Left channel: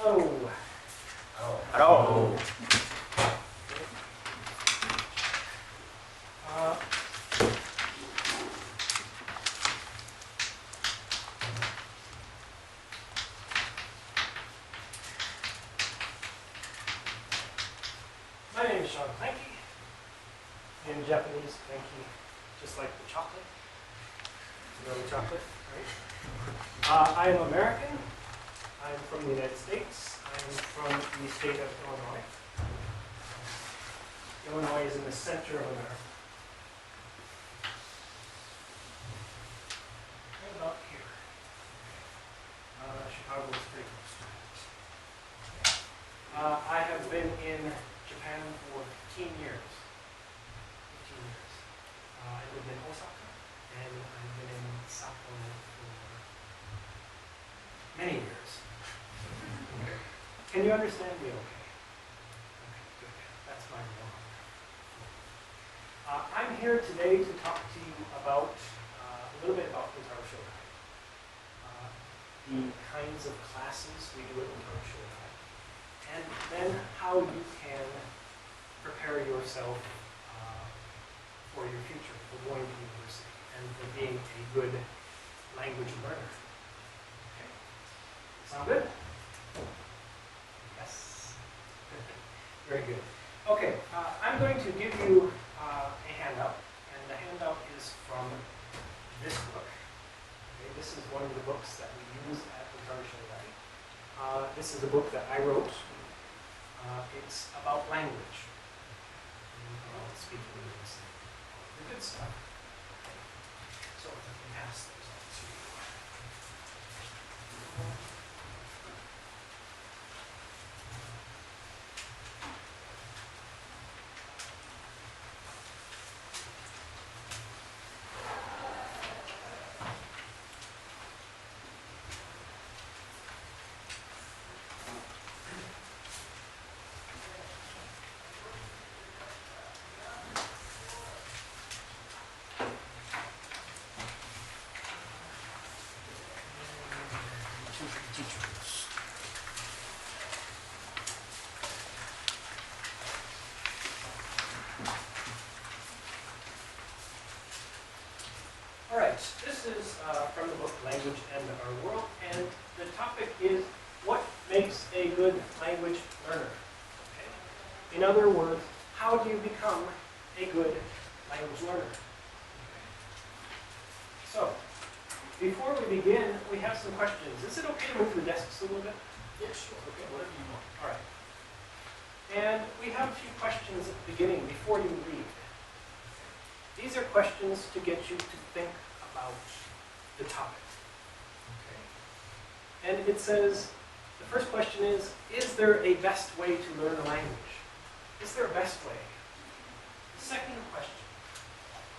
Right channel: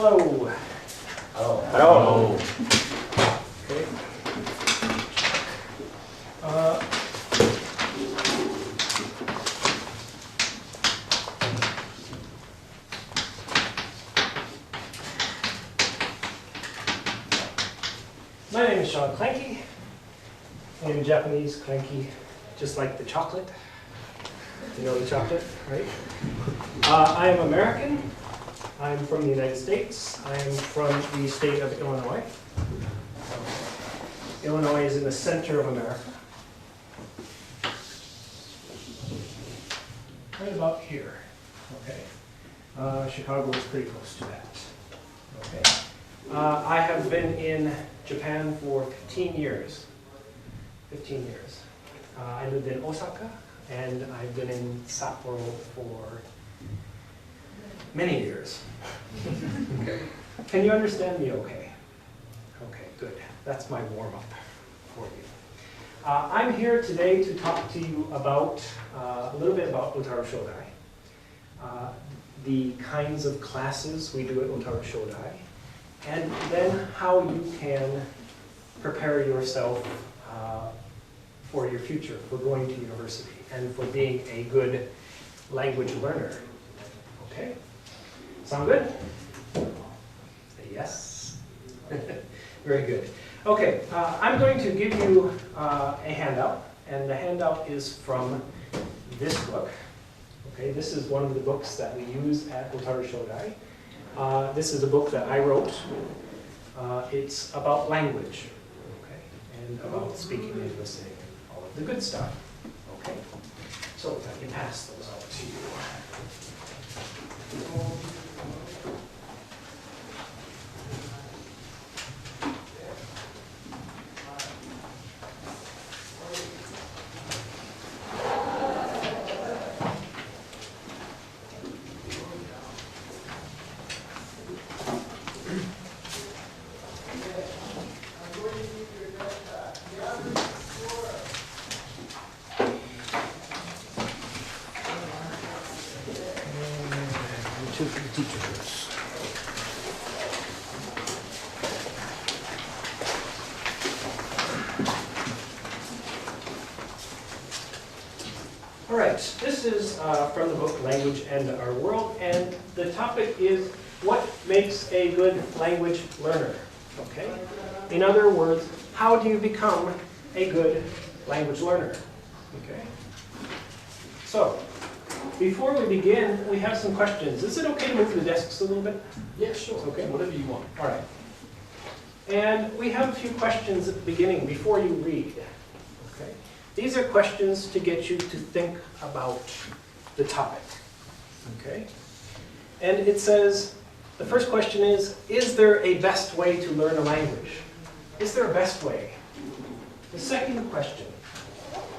Hello. Hello. Hello. Okay. My name is Shawn Clankie. In Japanese, Clankie, just like the chocolate. You know the chocolate, right? I am American. I'm from the United States. I am from the state of Illinois. Illinois is in the center of America. Right about here. Okay. Chicago is pretty close to that. Okay. I have been in Japan for 15 years. 15 years. I lived in Osaka, and I've been in Sapporo for many years. Can you understand me okay? Okay, good. That's my warm-up for you. I'm here today to talk to you about a little bit about Otaru Shodai, the kinds of classes we do at Otaru Shodai, and then how you can prepare yourself for your future, for going to university, and for being a good language learner. Okay? Sound good? Yes? Very good. Okay, I'm going to give you a handout, and the handout is from this book. Okay, this is one of the books that we use at Otaru Shodai. This is a book that I wrote. It's about language, okay, and about speaking and listening, all of the good stuff. Okay, so if I can pass those out to you. Two for the teachers. All right, this is from the book Language and Our World, and the topic is what makes a good language learner, okay? In other words, how do you become a good language learner, okay? So, before we begin, we have some questions. Is it okay to move the desks a little bit? Yeah, sure. Okay. Whatever you want. All right. And we have a few questions at the beginning before you read. Okay. These are questions to get you to think about the topic. Okay. And it says, the first question is there a best way to learn a language? Is there a best way? The second question,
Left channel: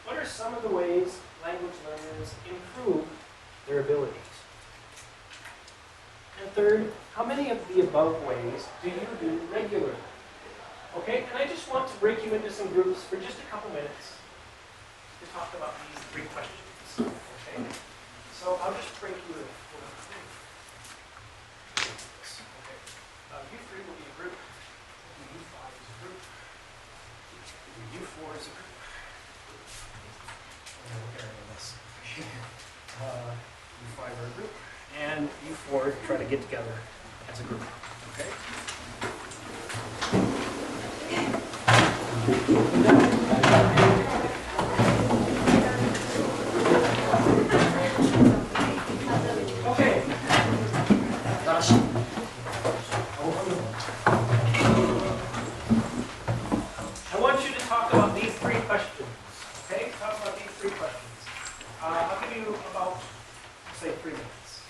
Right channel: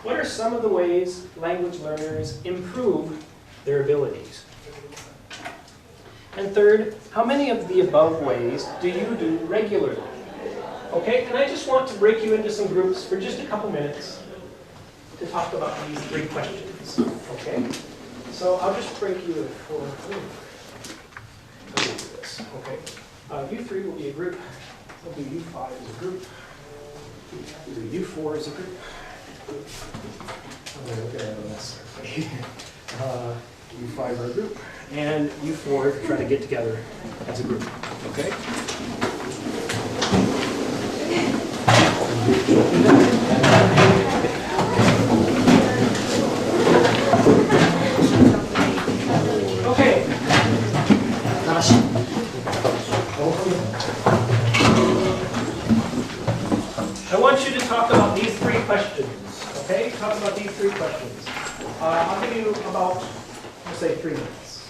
what are some of the ways language learners improve their abilities? And third, how many of the above ways do you do regularly? Okay, and I just want to break you into some groups for just a couple minutes to talk about these three questions. Okay, so I'll just break you into four. Okay, you three will be a group. We'll do you five as a group. We'll do you four as a group. I'm going to look at it on this. Okay. You five are a group, and you four try to get together as a group. Okay? Okay. I want you to talk about these three questions. Okay? Talk about these three questions. I'll give you about, let's say, 3 minutes.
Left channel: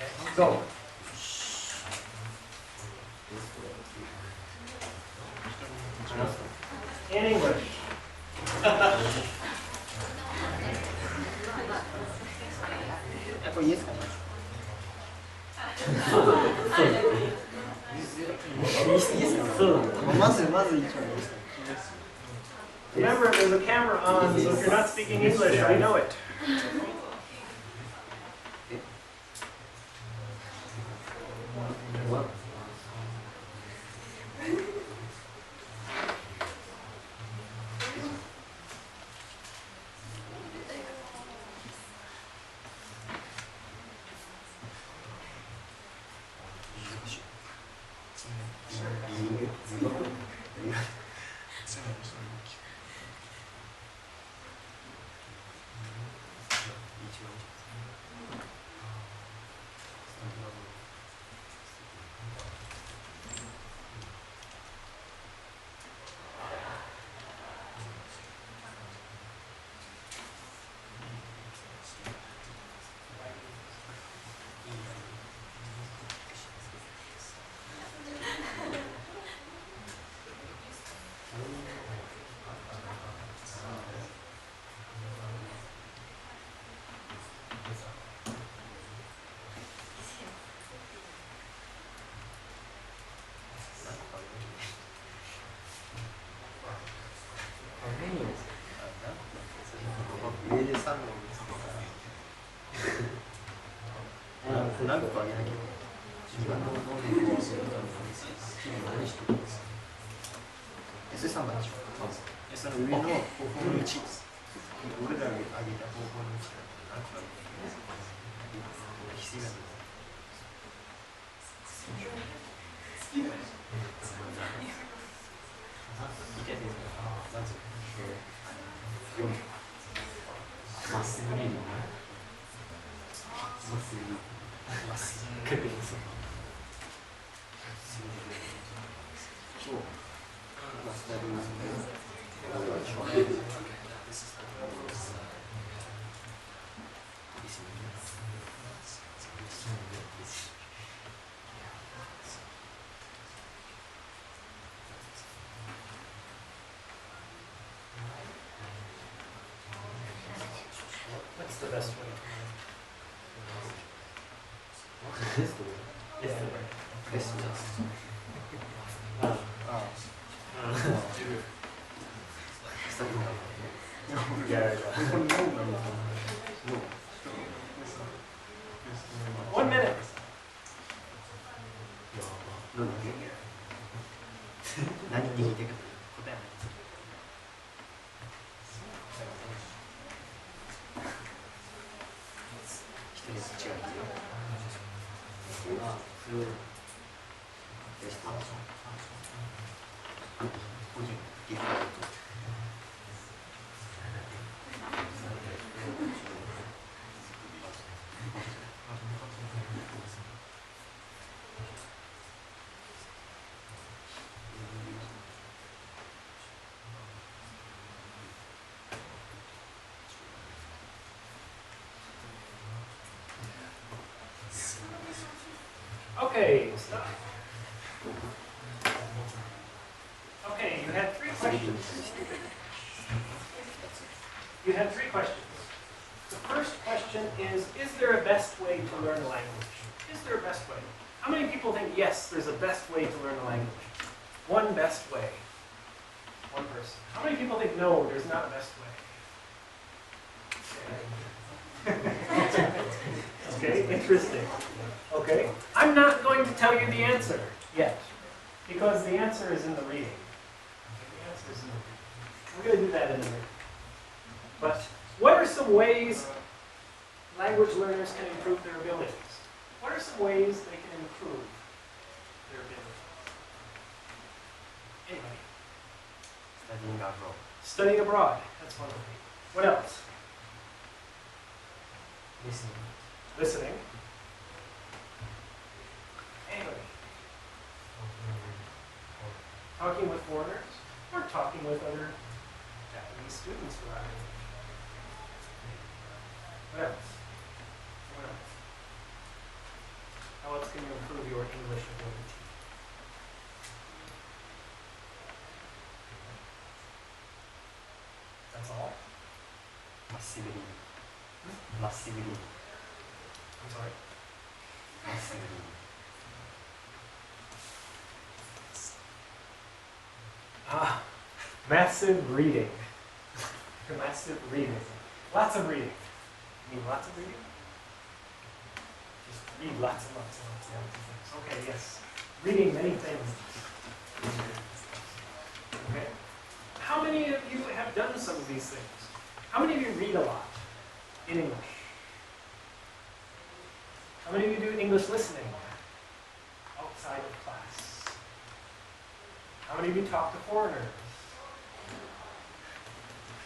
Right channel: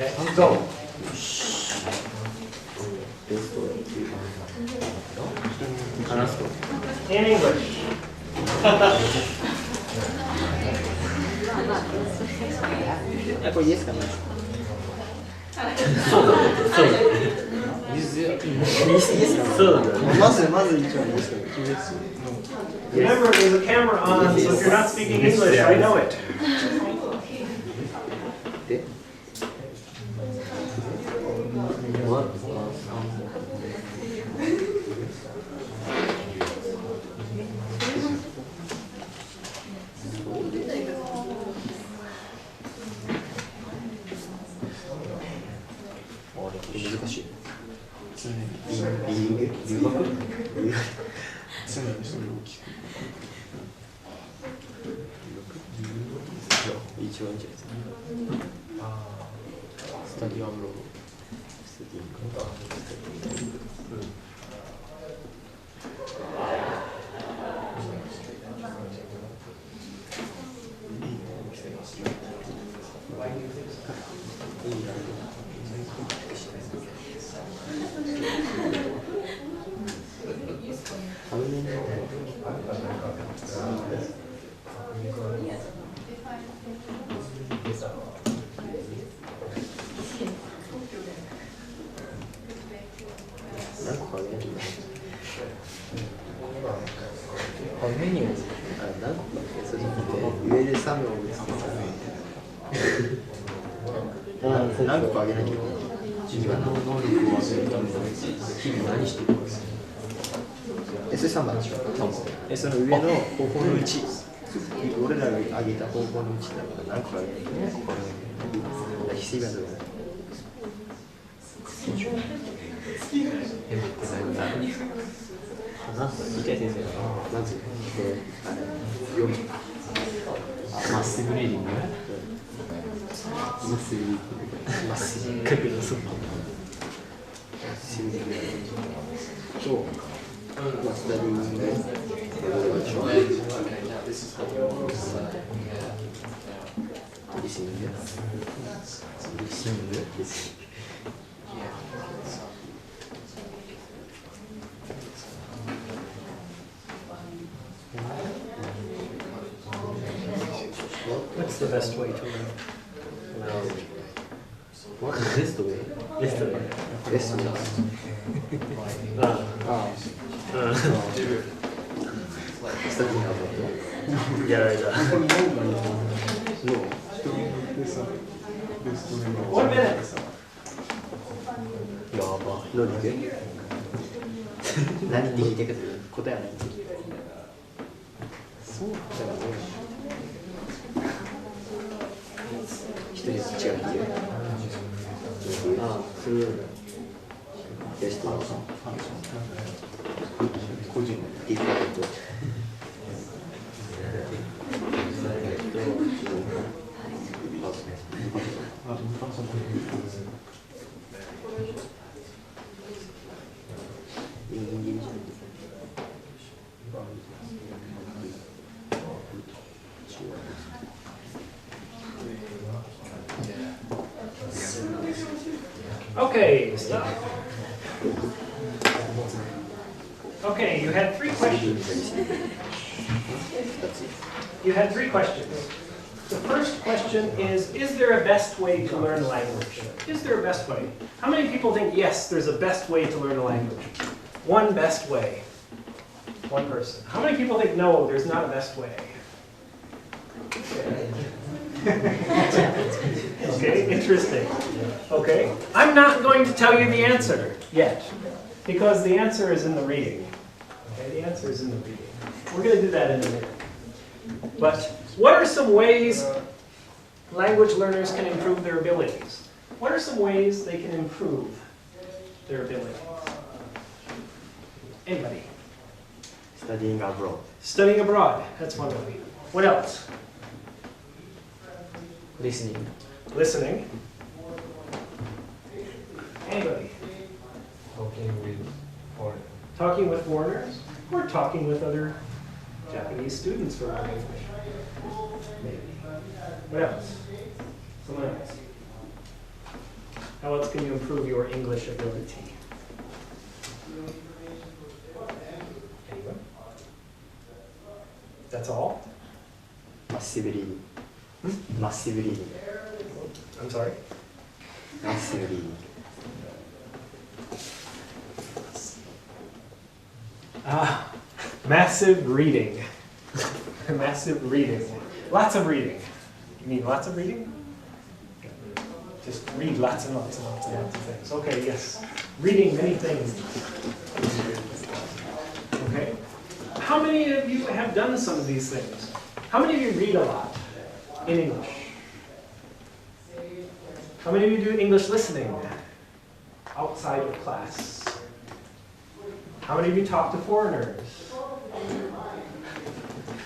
Okay, go. In English. これいいですかね。そうだね。そうだね。いいですか。そうだね。まず一番いいですか。 Remember, there's a camera on, so if you're not speaking English, I know it. 一番いいんじゃないですか。スタディアブロースティング。メニュー何個かそれで上で3の何個かあげなきゃいけない。自分の能力を上げるために日々何してるんですか。それ3番でしょ。その上の方向のうち、俺らが上げた方向のうちだから何個かあげなきゃいけない。翡翠がどうだ。理解先生まずあれ読む。まっすぐリーディング。まっすぐリーディング。まっすぐ角度そう。と、スタディングでリスニング。What's the best way to learn? What's the best way? Best way. Best way. Studying about it. やられた。1 minute. やば。ロリック何って聞いてくる答えはない。そうだね。一人ずつ違うっていう。そういうの。よし、個人ディファレント。Okay, stop. Okay, you had 3 questions. You had 3 questions. The first question is there a best way to learn a language? Is there a best way? How many people think, yes, there's a best way to learn a language? One best way. One person. How many people think, no, there's not a best way? Okay, interesting. Okay, I'm not going to tell you the answer yet, because the answer is in the reading. Okay, the answer is in the reading. We're going to do that in a minute. But what are some ways language learners can improve their abilities? What are some ways they can improve their abilities? Anybody? Studying abroad. Studying abroad, that's one way. What else? Listening. Listening. Anybody? Talking with foreigners, or talking with other Japanese students for learning English. Maybe. What else? Someone else? How else can you improve your English ability? That's all? Massive reading. Massive reading. I'm sorry? Massive reading. Massive reading. Massive reading. Lots of reading. You mean lots of reading? Just read lots and lots and lots and lots of things. Okay, yes. Reading many things. Okay. How many of you have done some of these things? How many of you read a lot in English? How many of you do English listening outside of class? How many of you talk to foreigners?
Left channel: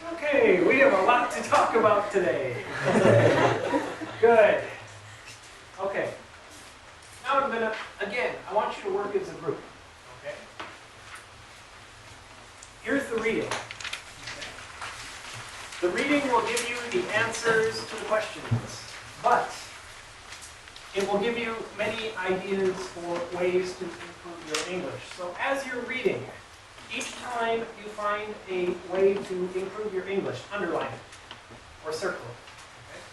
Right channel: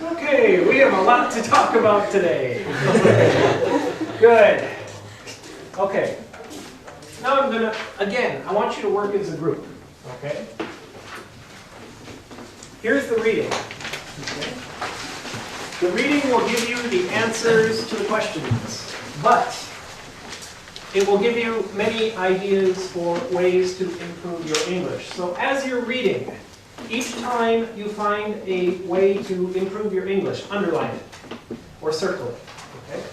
Okay, we have a lot to talk about today. Good. Okay. Now I'm gonna, again, I want you to work as a group, okay? Here's the reading, okay? The reading will give you the answers to the questions, but it will give you many ideas for ways to improve your English. So as you're reading, each time you find a way to improve your English, underline it or circle it, okay?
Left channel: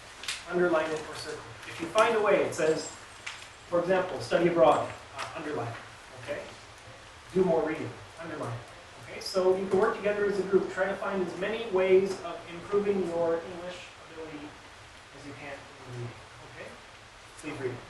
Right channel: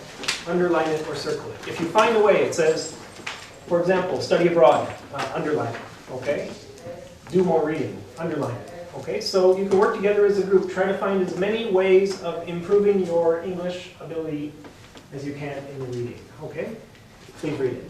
Underline it or circle it. If you find a way, it says, for example, study abroad, underline it, okay? Do more reading, underline it, okay? So you can work together as a group, try to find as many ways of improving your English ability as you can in the reading, okay? Please read it.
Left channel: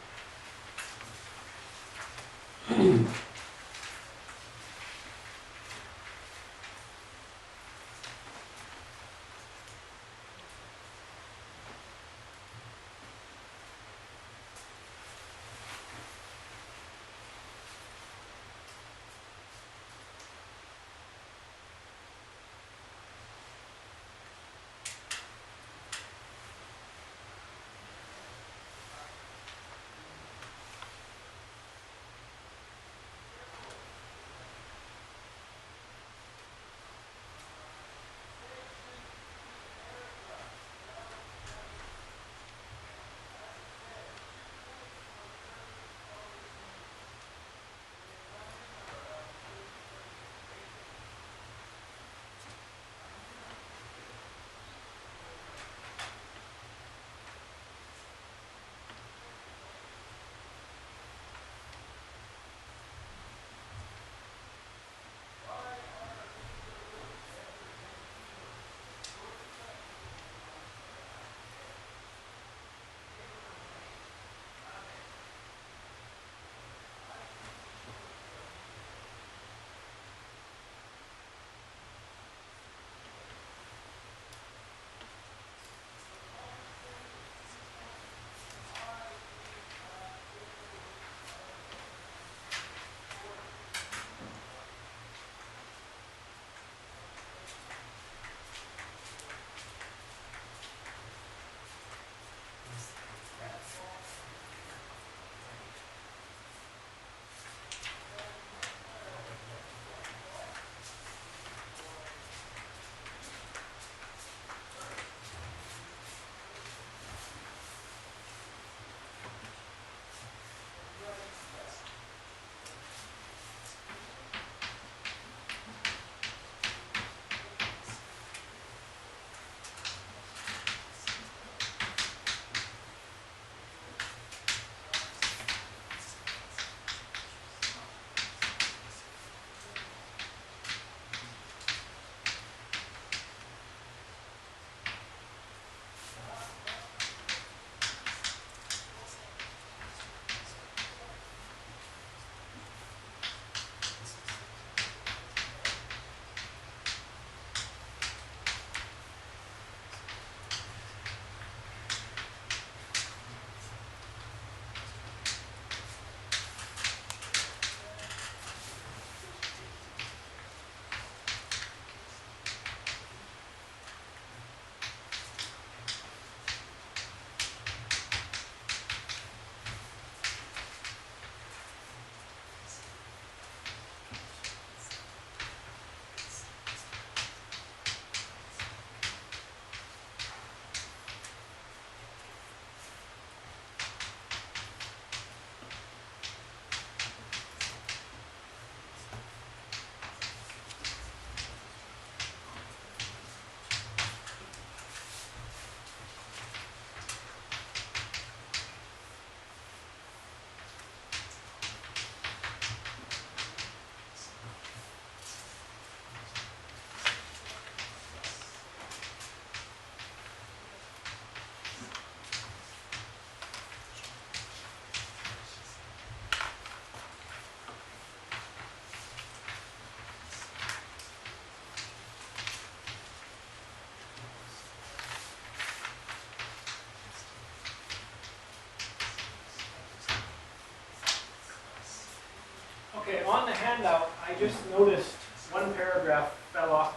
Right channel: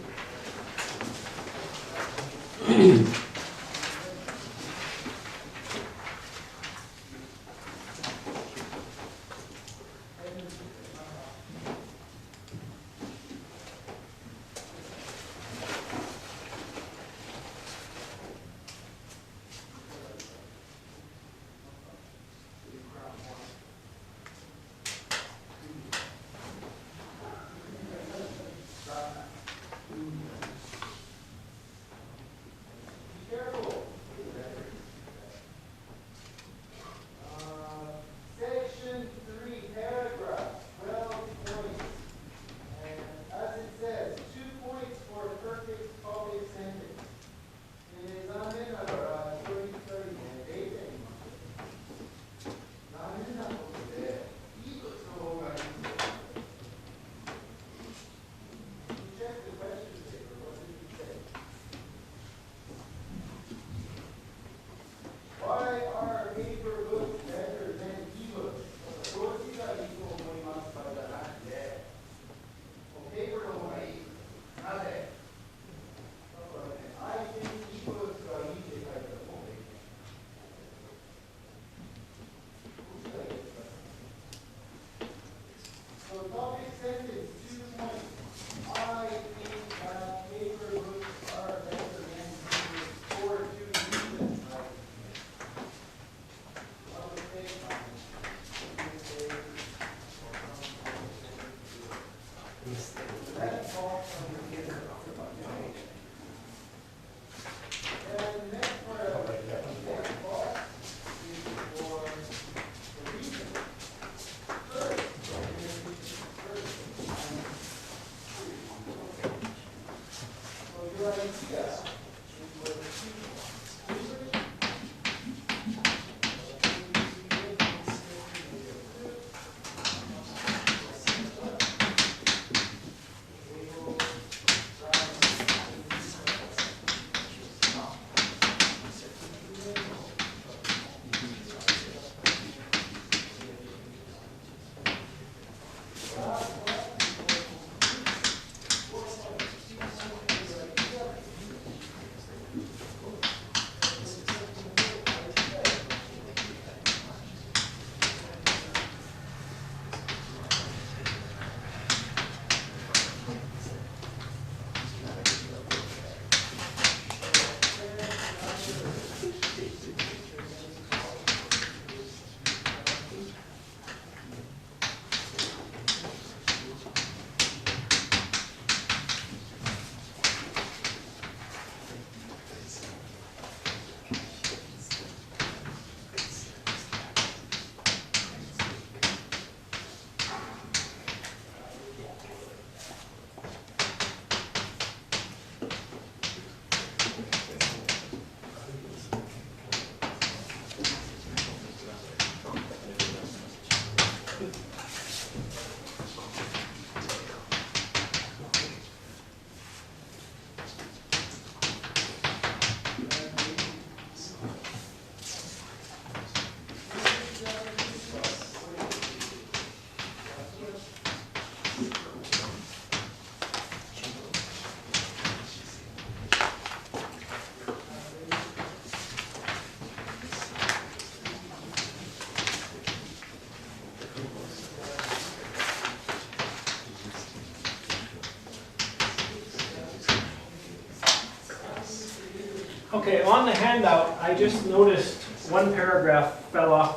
Okay, on the handout, I just noticed one paragraph fell off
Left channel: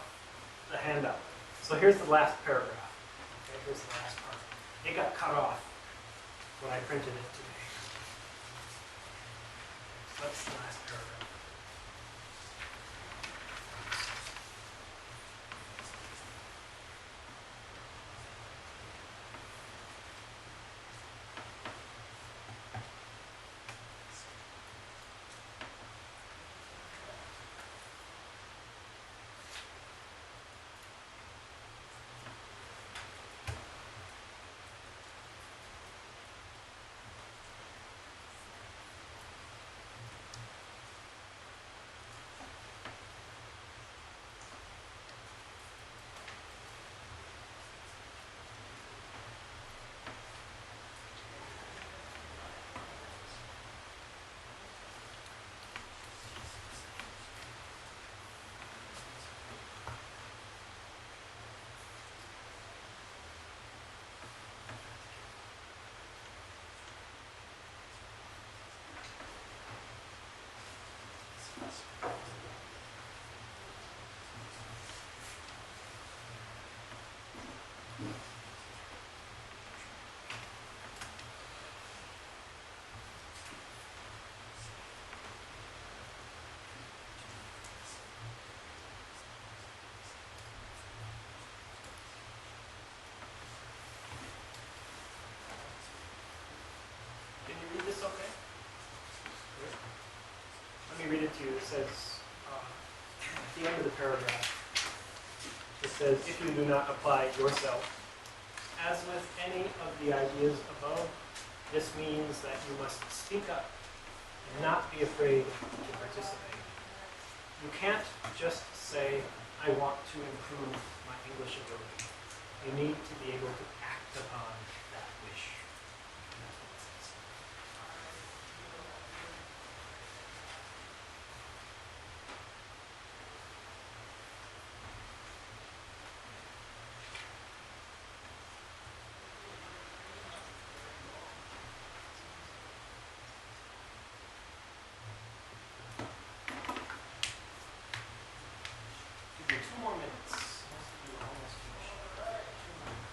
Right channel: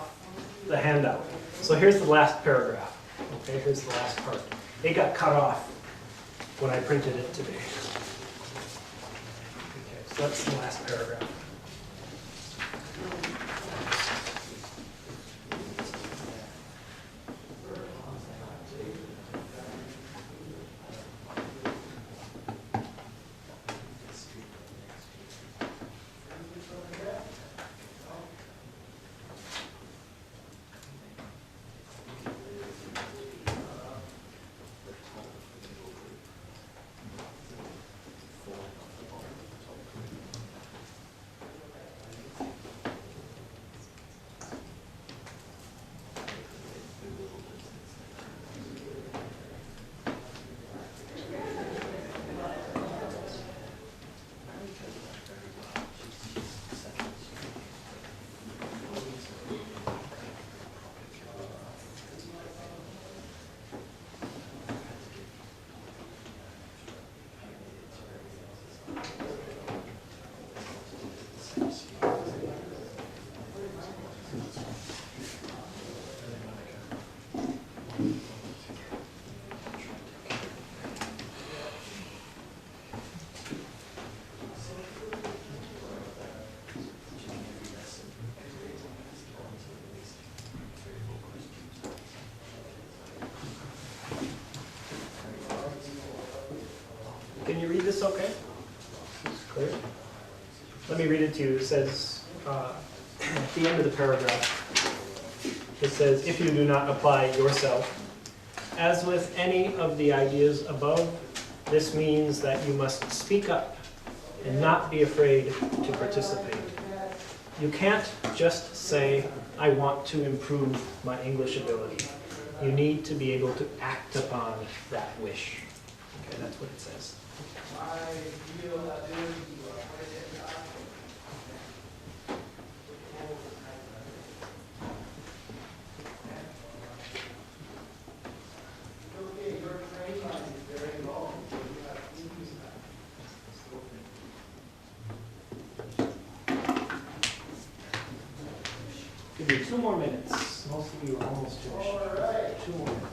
the handout. So here's the last paragraph. Okay, here's the last part. It got cut off. when I printed it today. Okay, so that's the last paragraph. Can you read this okay? Clear? Let me read it to you. It says, at the end of the paragraph, it says, if you do not apply yourself, as with any of the ideas above, this means that you must speak up and not be afraid to participate. You can't just say, I want to improve my English ability. You need to be able to act upon that wish. Okay, that's what it says. Give you 2 more minutes. Most of you are almost finished. 2 more minutes.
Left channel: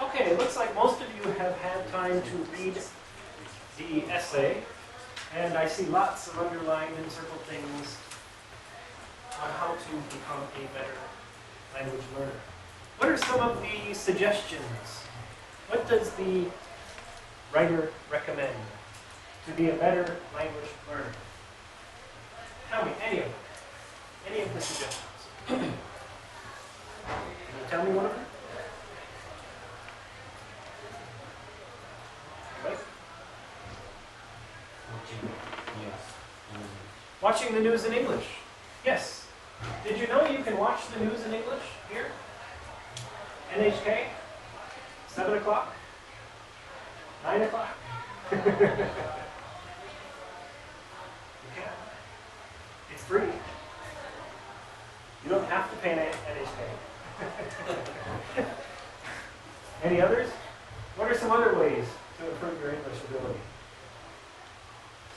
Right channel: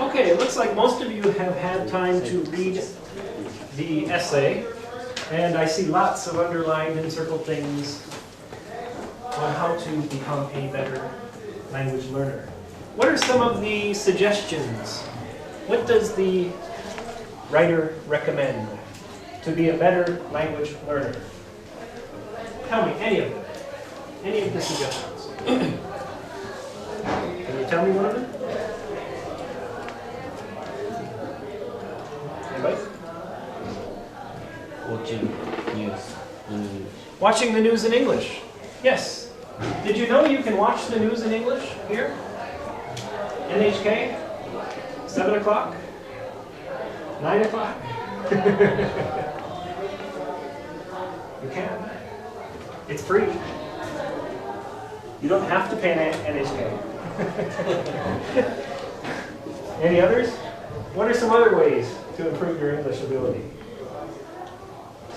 Okay, it looks like most of you have had time to read the essay, and I see lots of underlined and circled things on how to become a better language learner. What are some of the suggestions? What does the writer recommend to be a better language learner? Tell me, any of them. Any of the suggestions. Can you tell me one of them? Anybody? Watching news in English. Watching the news in English. Yes. Did you know you can watch the news in English here? NHK? 7 o'clock? 9 o'clock? You can. It's free. You don't have to pay NHK. Any others? What are some other ways to improve your English ability?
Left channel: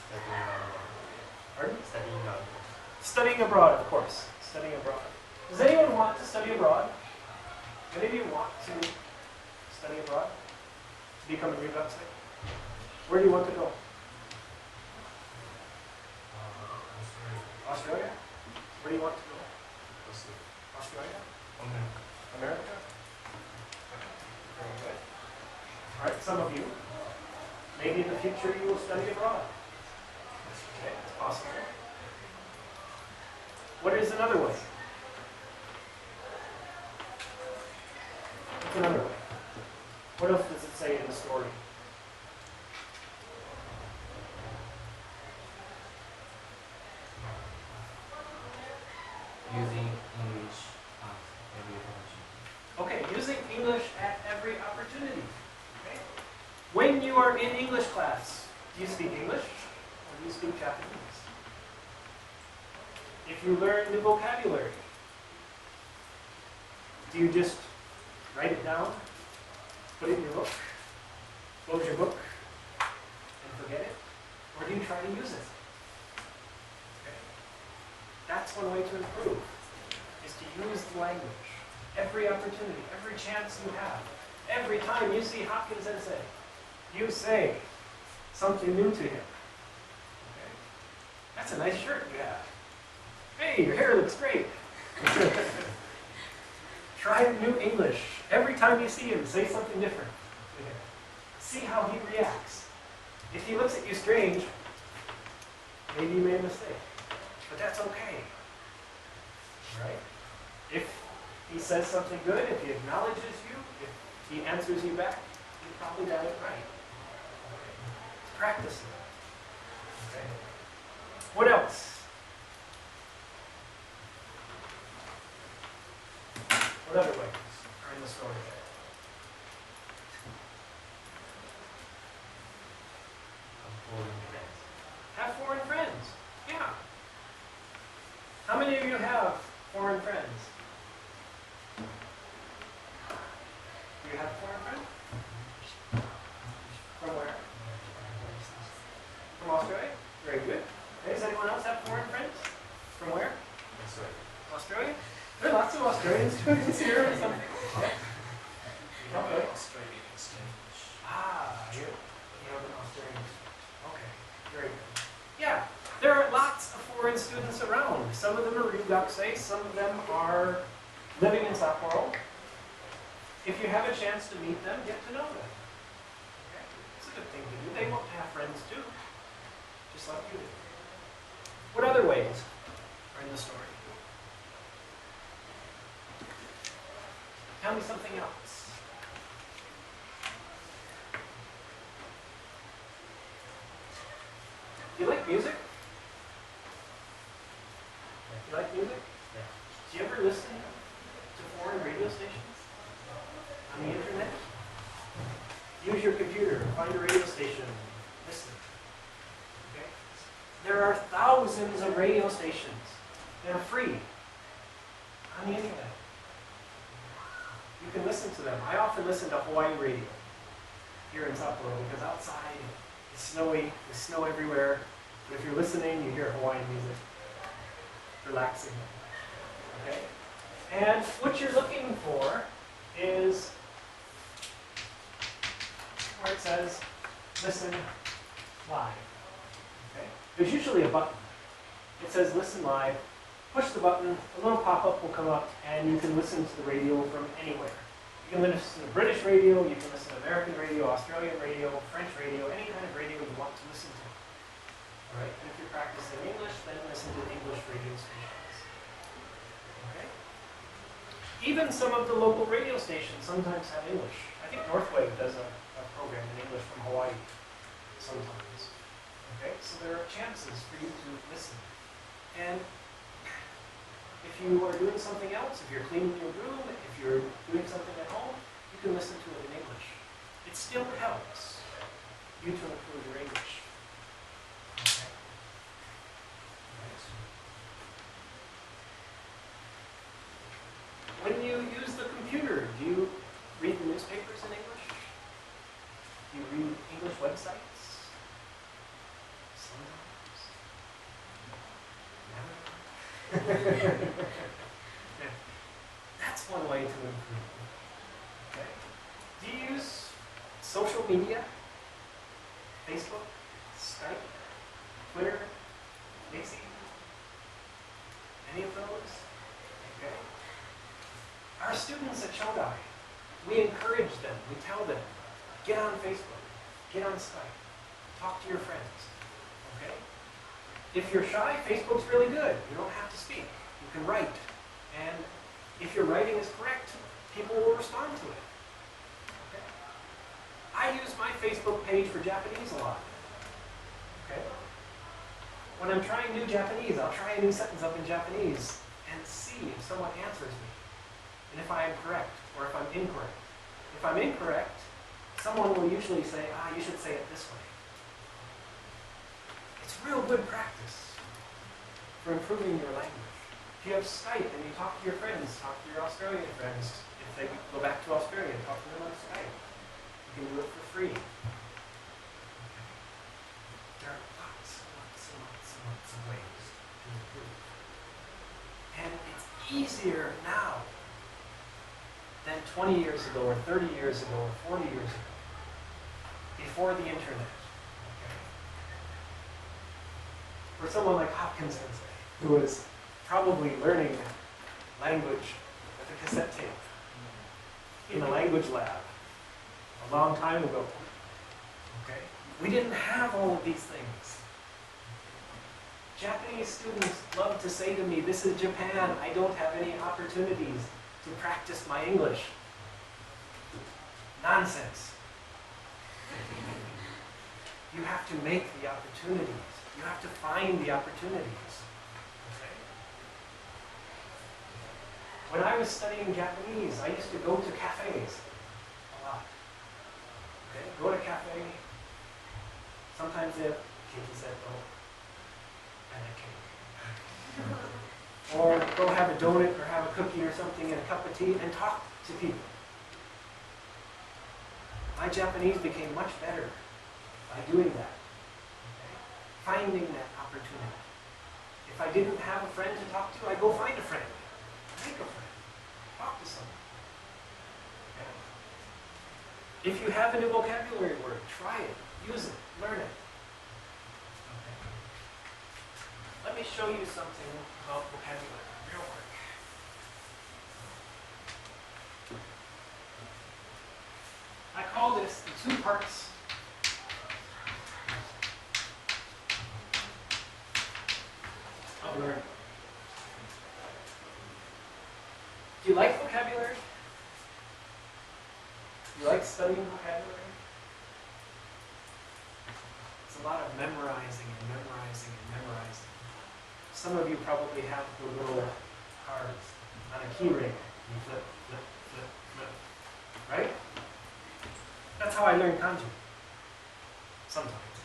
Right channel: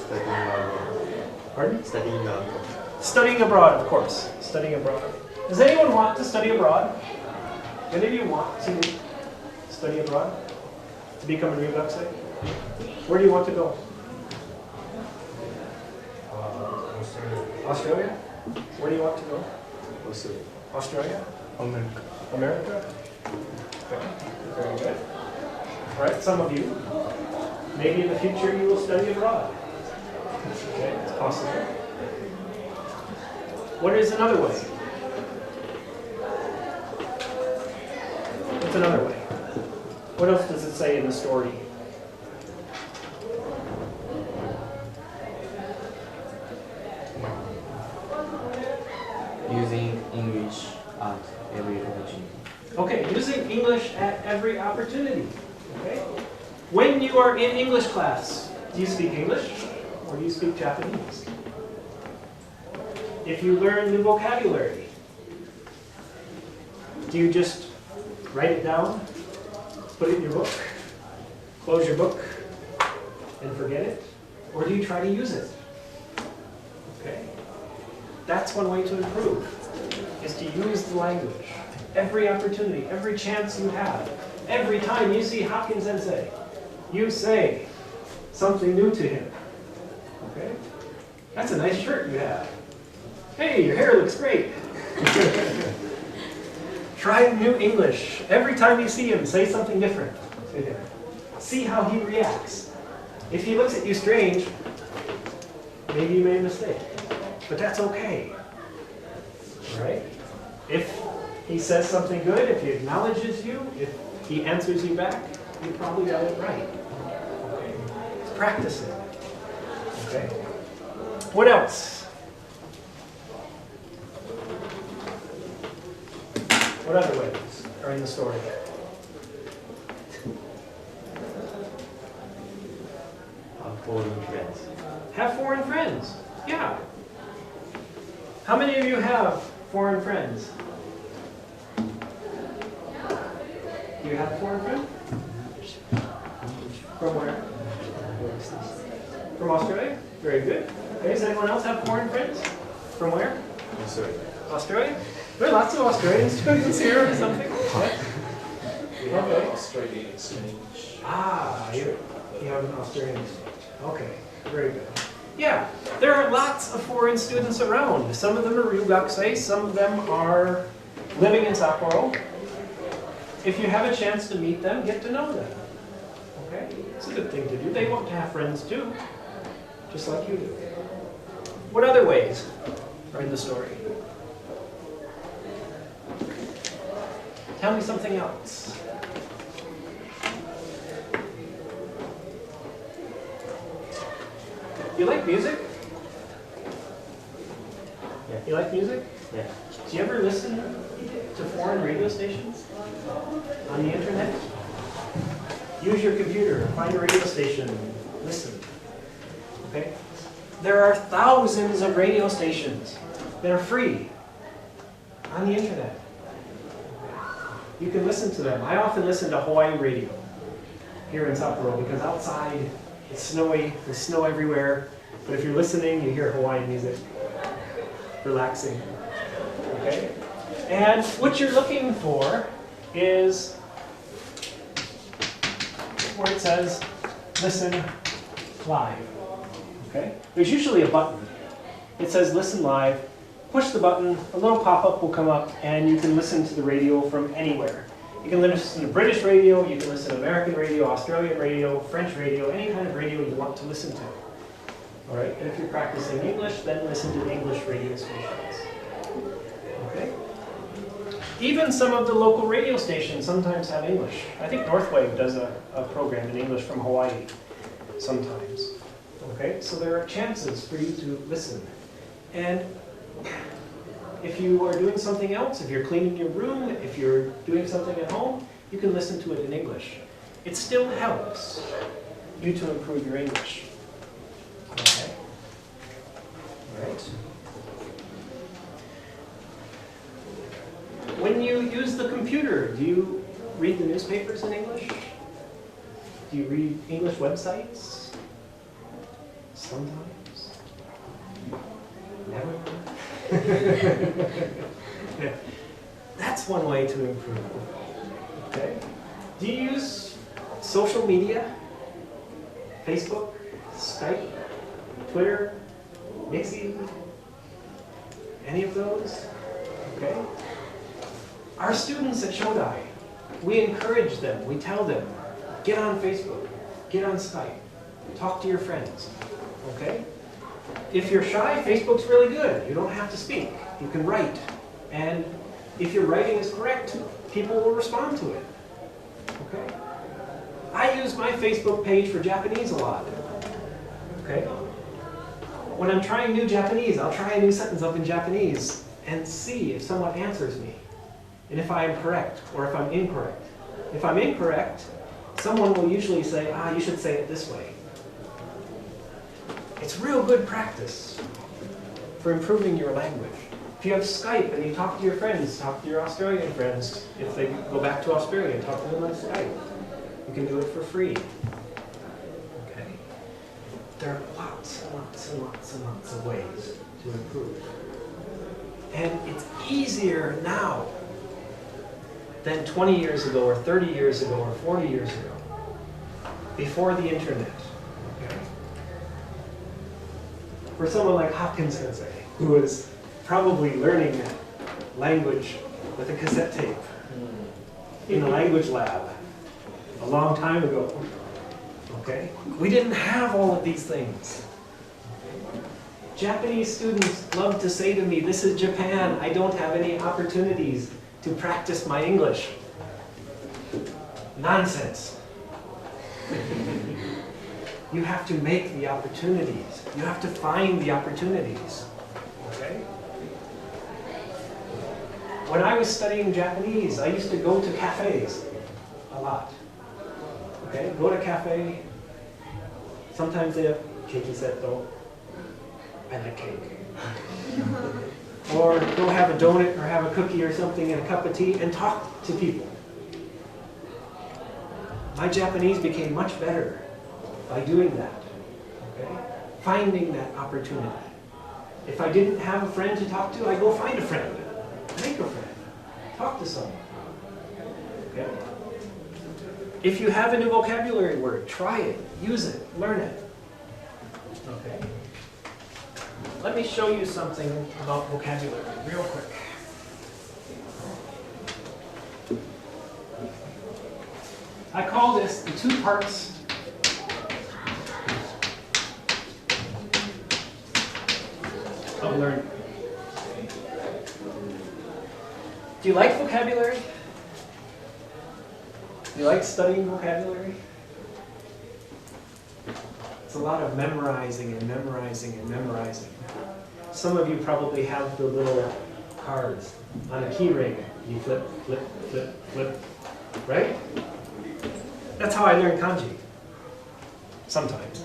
Studying abroad. Pardon? Studying abroad. Studying abroad, of course. Studying abroad. Does anyone want to study abroad? Do any of you want to study abroad? To become a Ryugakusei? Where do you want to go? Australia? Where do you want to go? Also, Australia? America. America? Okay, very good. All right, some of you, maybe in the future you will study abroad. Okay, it's possible. What is another way? What's another way? What else does it say in the story? Using English at every opportunity. Okay, using English at every opportunity. Okay? When you are in English class, do you speak English or do you speak Japanese? If you learn new vocabulary, do you just write it down, put it in your book, close your book, and forget it? Or do you try to use it? Okay? That's one way to improve, is to use the language. Every opportunity, every chance you have, every time you see Hopkins Sensei, you say something new to him. Okay? That's a nice shirt you have. Hey, your hair looks great. Try new English. Every time you see him, say something different to him. See how he reacts. If he looks at you strange, maybe you made a mistake. But that's okay. All right? If he says something good, if he acknowledges you, if he answers you back, you probably got it right. Okay? It's practicing. Okay? What else? What other ways are in the story? Foreign friends. Have foreign friends. Yeah. How many of you have foreign friends? Do you have a foreign friend? From where? From Australia? Very good. Okay, does anyone else have foreign friends? From where? Sorry. Australia? There are lots of Australian students here or something. Yeah. Okay. Australian exchange. Ah, you have an Australian student. Okay, very good. Yeah, there are lots of foreign students around. Some of them are Ryugakusei, some of them are living in Sapporo. If you have a chance to meet them, get to know them. Okay? It's a good thing to do. They want to have friends too, just like you do. What other ways are in the story? Tell me something else. You like music? Yeah. You like music? Yeah. Do you ever listen to foreign radio stations on the internet? Use your computer, find a radio station, listen. Okay? There are thousands of radio stations that are free on the internet. You can listen to them. I often listen to Hawaii radio here in Sapporo because outside it's snowy, there's snow everywhere. But if you're listening, you hear Hawaiian music. Relaxing. Okay? And what you're looking for is where it says listen live. Okay? There's usually a button. It says listen live. Push the button, a little pop-up will come up, and you can listen to the radio from anywhere. You can listen to British radio, you can listen to American radio, Australian radio, French radio, any kind of radio you want to listen to. All right? And if you're practicing English, then listen to English radio stations. Okay? Even some of the local radio stations sometimes have English. I think Northwave does a program in English from Hawaii sometimes. Okay? So there are chances for you to listen. And if you are doing something else, if you're cleaning your room, if you're doing something at home, you can listen to it in English. It still helps you to improve your English. Okay? All right. When you use the computer, do you read the newspapers in English? Do you read English websites? Sometimes? Never? Yeah. That's one way to improve. Okay? Do you use social media? Facebook? Skype? Twitter? Nixie? Any of those? Okay? Our students at Shodai, we encourage them, we tell them, get on Facebook, get on Skype, talk to your friends, okay? If you're shy, Facebook's really good. You don't have to speak. You can write. And if your writing is correct, people will respond to it, okay? I use my Facebook page for Japanese a lot, okay? When I'm trying new Japanese, I'll try a new sentence up in Japanese and see if someone answers me, and if I am correct or if I'm incorrect. If I'm incorrect, someone will usually say, you should say it this way. It's real good practice for improving your language. If you have Skype and you talk to your friends, talk to your Australian friends, if they go back to Australia, talk to them on Skype. You can do it for free. Okay? There are lots and lots and lots and lots of ways to improve. And it's easier now than 20 years ago, or 30 years ago, or 40 years ago, before the internet. Okay? For someone like Hopkins Sensei, who was probably learning language with a cassette tape in a language lab a long time ago, okay? We didn't have all of these things. Japanese students love to say to me, this is Japan, I don't have any opportunities to practice my English. Nonsense. You have to make the opportunities. You have to find the opportunities. Okay? When I was studying Japanese, I used to go to cafes a lot. Okay? Go to a cafe. Sometimes they have cake setto. I like cake. Or go have a donut or have a cookie or something and a cup of tea and talk to people. My Japanese became much better by doing that. Okay? Finding that opportunity. If I didn't have a friend to talk to, I go find a friend. Make a friend. Talk to someone. Okay? If you have a new vocabulary word, try it, use it, learn it. Okay? Let me show you something about vocabulary real quick. I call this the two parts of learning. Do you like vocabulary? Do you like studying vocabulary? It's a lot of memorizing and memorizing and memorizing. Some of you probably have the little cards on a key ring. You flip, flip, flip, flip, right? That's how I learned kanji. Sometimes.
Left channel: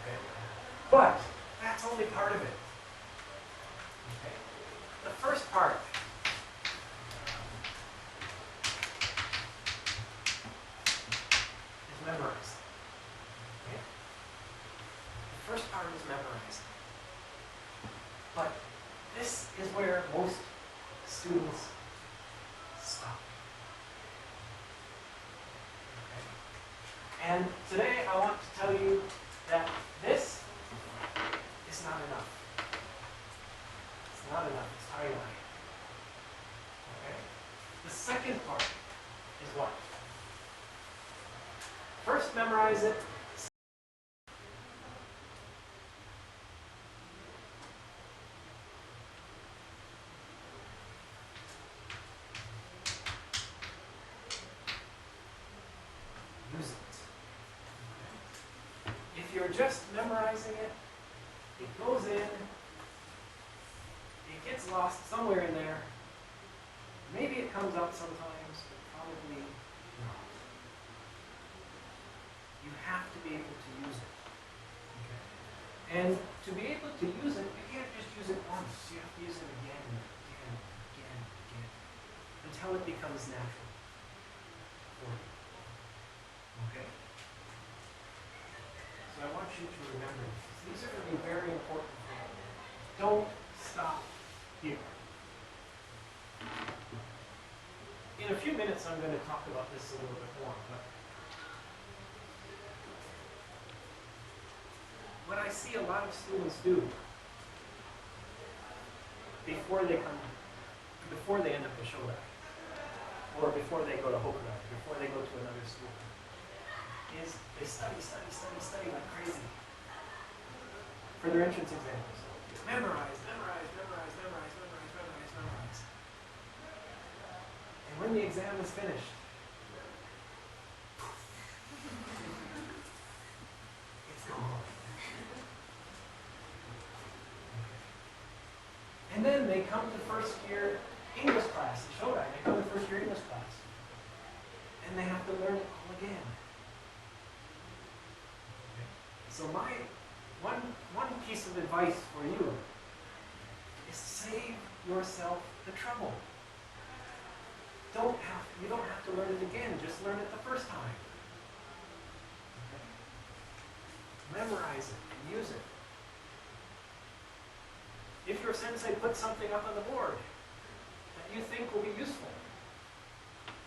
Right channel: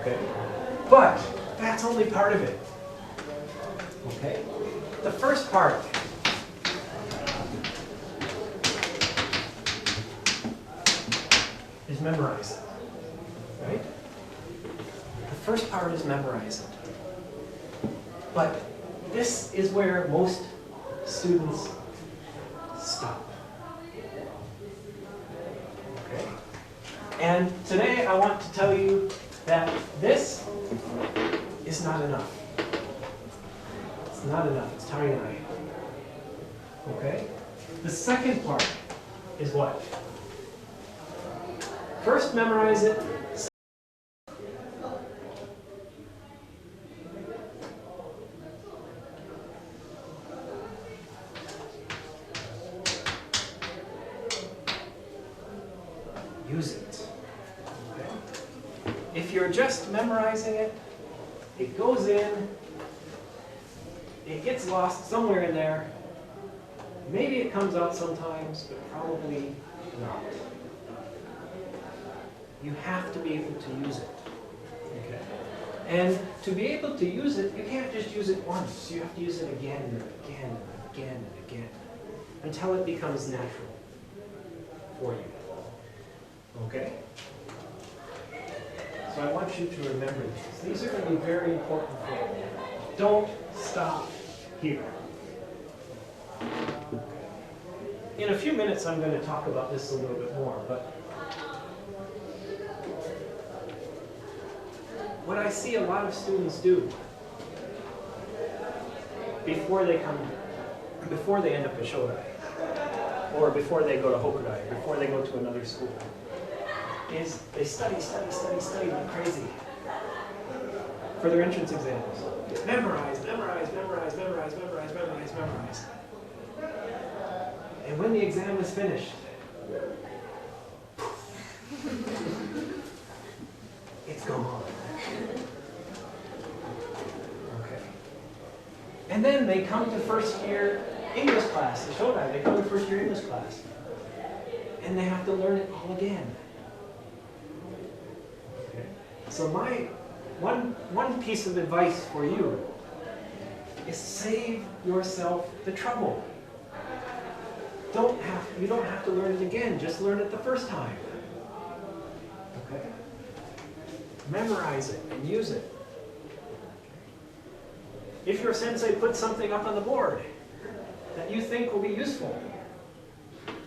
Okay? But that's only part of it. Okay? The first part is memorizing. Right? The first part is memorizing. But this is where most students stop. Okay? And today I want to tell you that this is not enough. It's not enough. It's tiny. Okay? The second part is what? First memorize it. Use it. Okay? If you're just memorizing it, it goes in, it gets lost somewhere in there. Maybe it comes out sometimes, but probably not. You have to be able to use it. Okay? And to be able to use it, you can't just use it once. You have to use it again and again and again and again until it becomes natural for you. Okay? So I want you to remember these. These are going to be very important for you. Don't stop here. In a few minutes, I'm going to talk about this a little bit more, but what I see a lot of students do before they end up at Shodai, or before they go to Hokudai, before they go to another school, is they study like crazy for their entrance exams. Memorize. And when the exam is finished, it's gone. Okay. And then they come to first year English class, the Shodai, they come to first year English class. And they have to learn it all again. Okay. So my one piece of advice for you is save yourself the trouble. You don't have to learn it again, just learn it the first time. Okay? Memorize it and use it. If your sensei puts something up on the board that you think will be useful,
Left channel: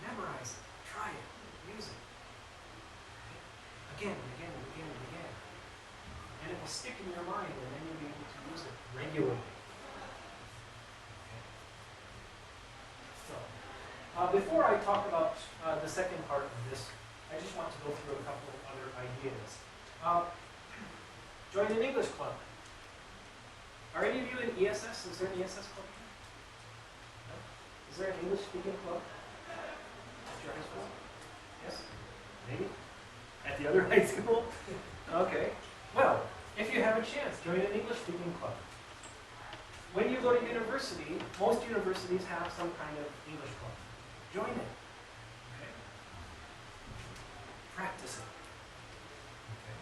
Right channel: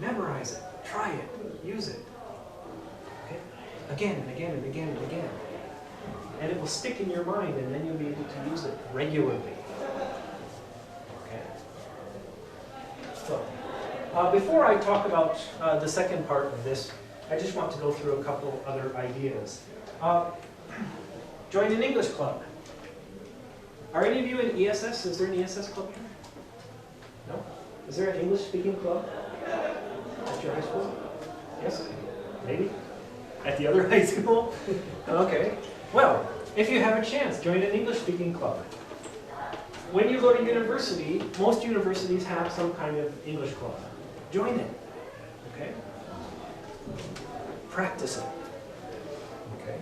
memorize it, try it, use it. Okay? Again and again and again and again. And it will stick in your mind, and then you'll be able to use it regularly. Okay? So, before I talk about the second part of this, I just want to go through a couple other ideas. Join an English club. Are any of you in ESS? Is there an ESS club here? No? Is there an English-speaking club at your high school? Yes? Maybe? At the other high school? Okay. Well, if you have a chance, join an English-speaking club. When you go to university, most universities have some kind of English club. Join it. Okay? Practice it. Okay?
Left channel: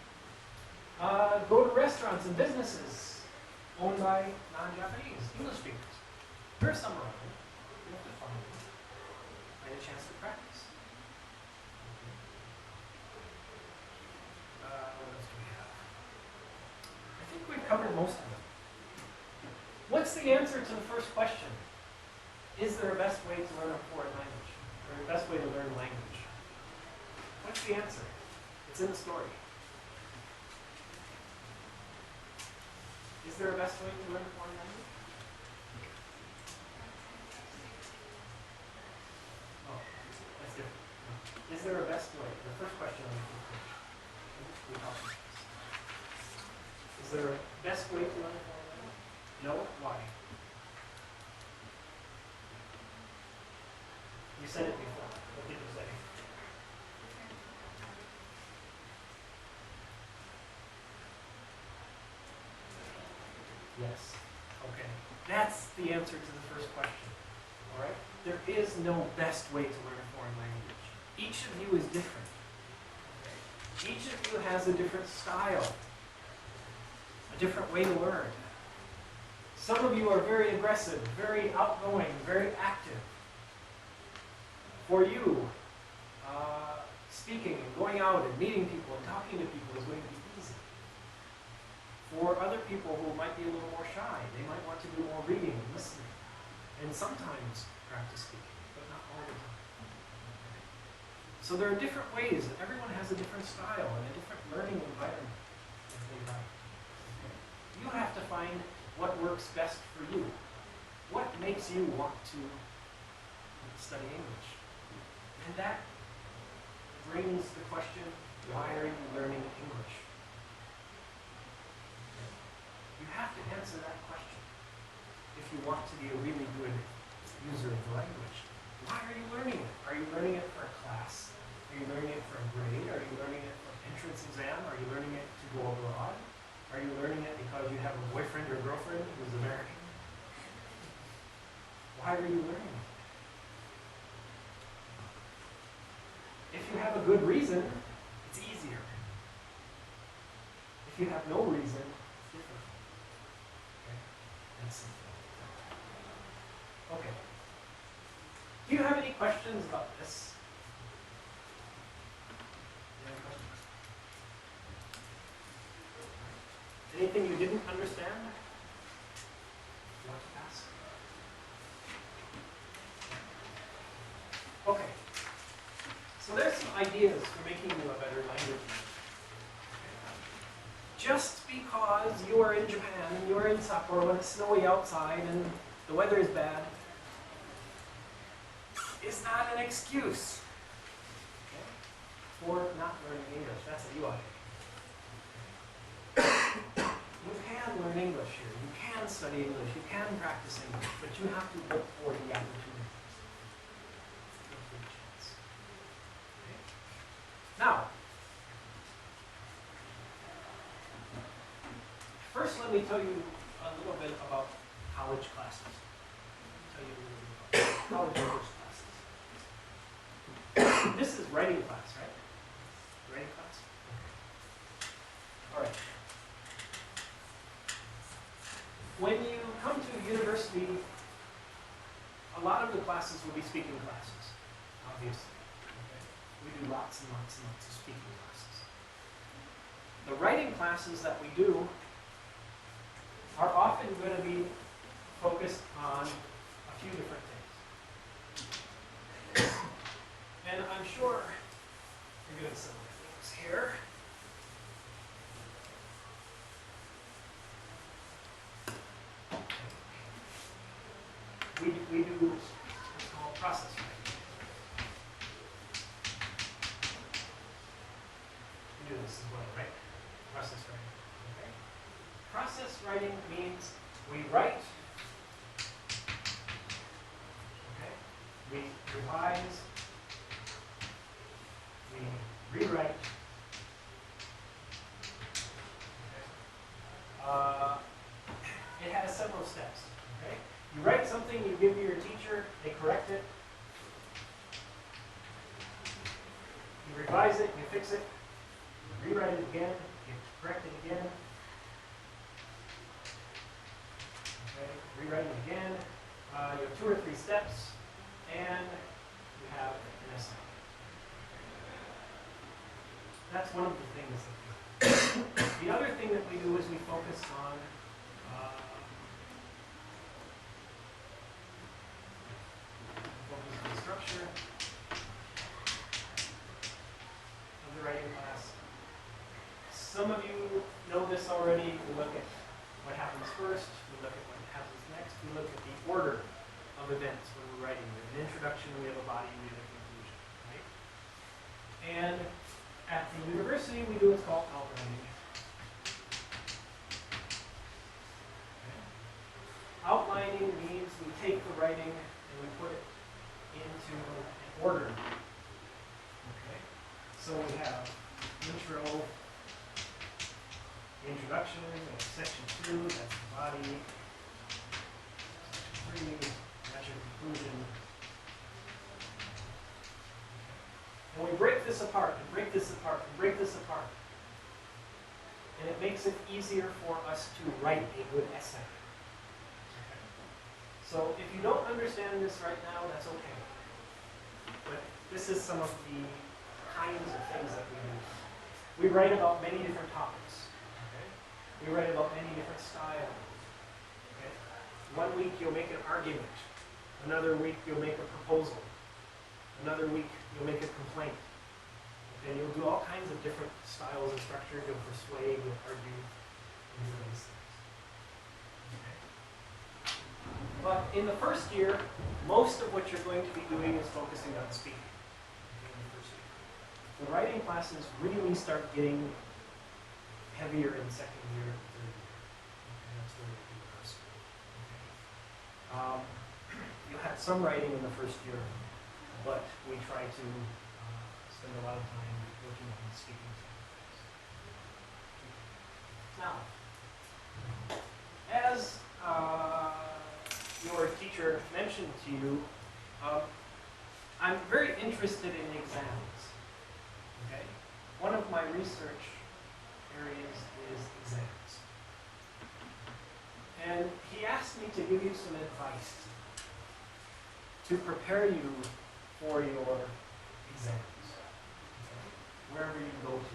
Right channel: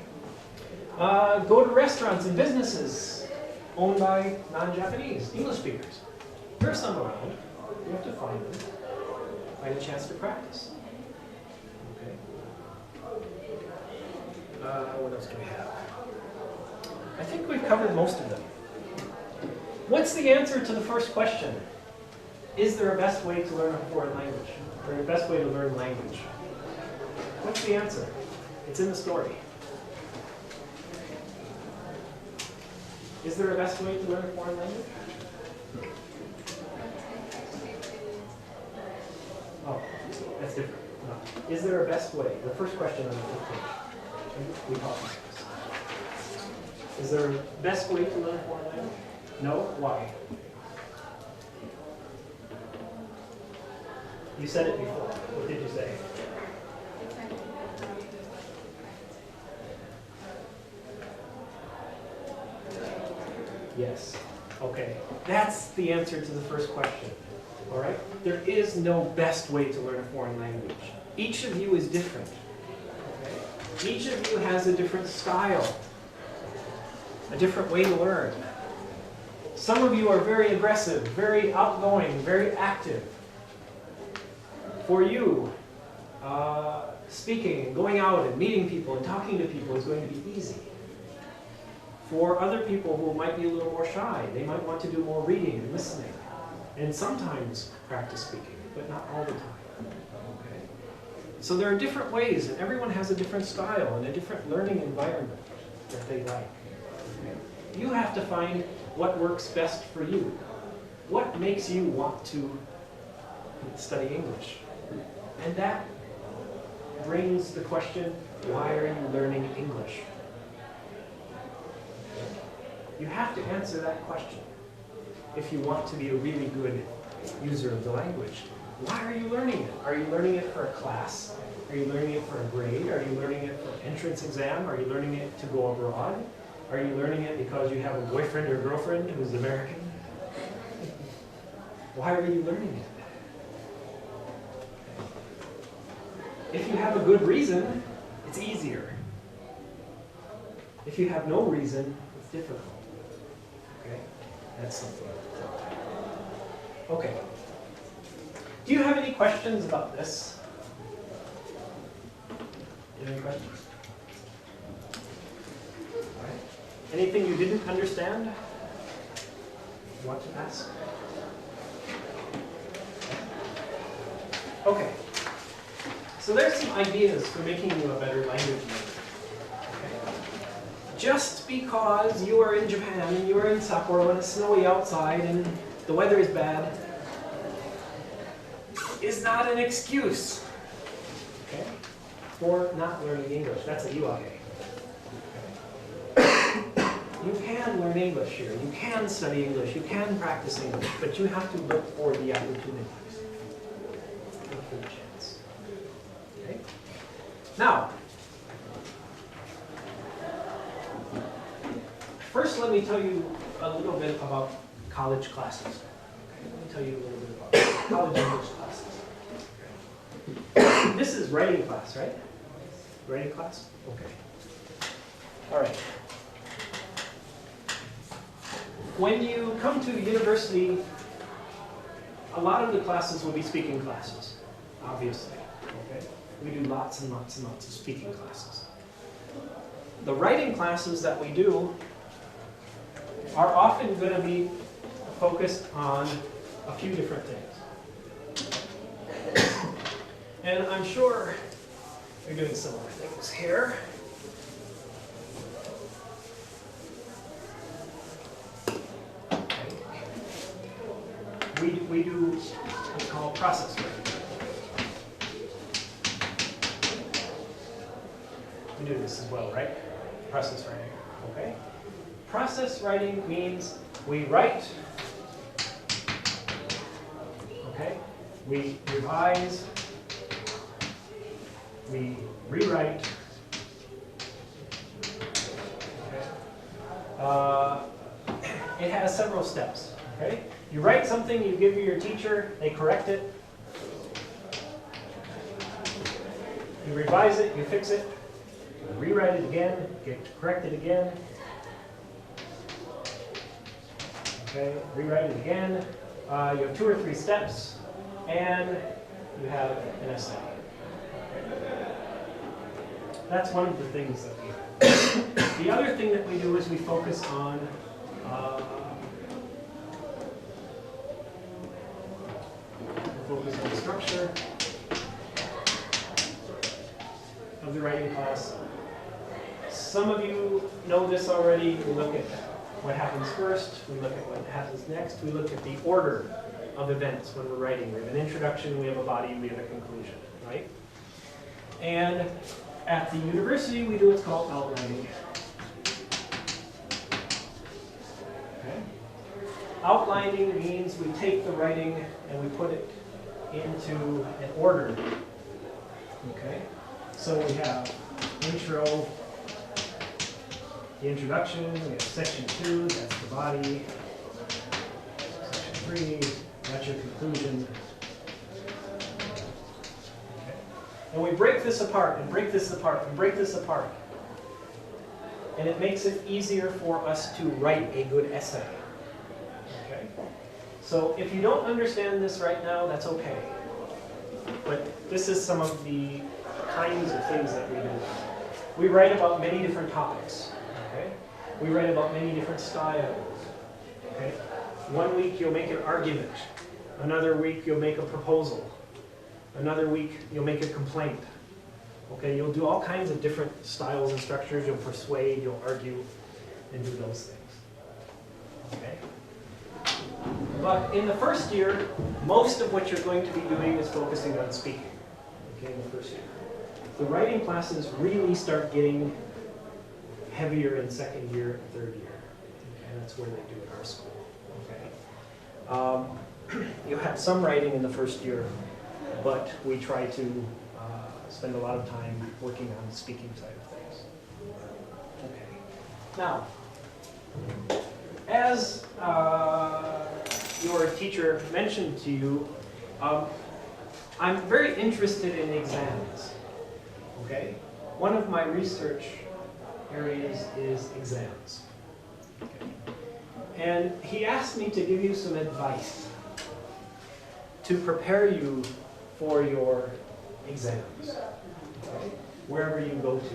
Go to restaurants and businesses owned by non-Japanese, English speakers. There's some around. You have to find them. Find a chance to practice. Okay? What else do we have? I think we've covered most of them. What's the answer to the first question? Is there a best way to learn a foreign language? Or a best way to learn language? What's the answer? It's in the story. Is there a best way to learn a foreign language? Oh, that's different. No. Is there a best way? The first question on the fifth page. We talked about this. Is there a best way to learn a foreign language? No? Why? You said it before. What did you say? Yes. Okay. That's the answer to the first question. All right? There is no best way to learn a foreign language. Each of you is different. Okay? Each of you has a different style, a different way to learn. Some of you are very aggressive, very outgoing, very active. For you, speaking and going out and meeting people and talking to people is going to be easy. For other people who might be a little more shy, they might want to do more reading and listening. And sometimes practice speaking, but not all the time. Okay? So there are different ways, and everyone has a different style and a different learning environment that they like. Okay? You have to find what works best for you. What makes you want to study English? And that brings the question, why are you learning English? You have to answer that question if you want to be a really good user of the language. Why are you learning it? Are you learning it for a class? Are you learning it for a grade? Are you learning it for an entrance exam? Are you learning it to go abroad? Are you learning it because you have a boyfriend or girlfriend who's American? Why are you learning it? If you have a good reason, it's easier. If you have no reason, it's difficult. Okay? That's something. Okay. Do you have any questions about this? Any questions? All right. Anything you didn't understand? You want to ask? Okay. So there's some ideas for making you a better language learner. Okay. Just because you are in Japan and you are in Sapporo and it's snowy outside and the weather is bad is not an excuse, okay, for not learning English. That's a UAK. You can learn English here. You can study English. You can practice English, but you have to look for the opportunity. Look for the chance. Okay? Now, first let me tell you a little bit about college classes. Let me tell you a little bit about college English classes. This is writing class, right? Writing class? Okay. All right. When you come to the university, a lot of the classes will be speaking classes, obviously. Okay? We do lots and lots and lots of speaking classes. The writing classes that we do are often going to be focused on a few different things. And I'm sure you're doing similar things here. We do what's called process writing. We do this as well, right? Process writing, okay? Process writing means we write, okay? We revise, we rewrite, okay? It has several steps, okay? You write something, you give it your teacher, they correct it. You revise it, you fix it, you rewrite it again, you correct it again. Okay, rewrite it again. You have 2 or 3 steps, and you have an essay. That's one of the things that we do. The other thing that we do is we focus on the structure of the writing class. Some of you know this already. We look at what happens first, we look at what happens next, we look at the order of events when we're writing. We have an introduction, we have a body, we have a conclusion, right? And at the university, we do what's called outlining. Okay? Outlining means we take the writing and we put it into an order. Okay? So we have intro, the introduction, we have section 2, that's the body. Section 3, that's your conclusion. Okay. And we break this apart, and break this apart, and break this apart. And it makes it easier for us to write a good essay. Okay? So if you don't understand this right now, that's okay. But this is some of the kinds of things that we do. We write about many different topics. Okay? We write about many different styles. Okay? One week you'll make an argument. Another week you'll make a proposal. Another week you'll make a complaint. Okay? You'll do all kinds of different styles and structures. You'll persuade, you'll argue, and do those things. Okay? But in the first year, most of what you're going to be doing is focusing on speaking. Okay, in the first year. The writing classes really start getting heavier in second year and third year. And that's where they do in our school. Okay. You'll have some writing in the first year, but we try to spend a lot of time working on the speaking side of things. Okay. Now, as your teacher mentioned to you, I'm very interested in exams. Okay? One of my research areas is exams. And he asked me to give you some advice to prepare you for your exams. Okay? wherever you go to,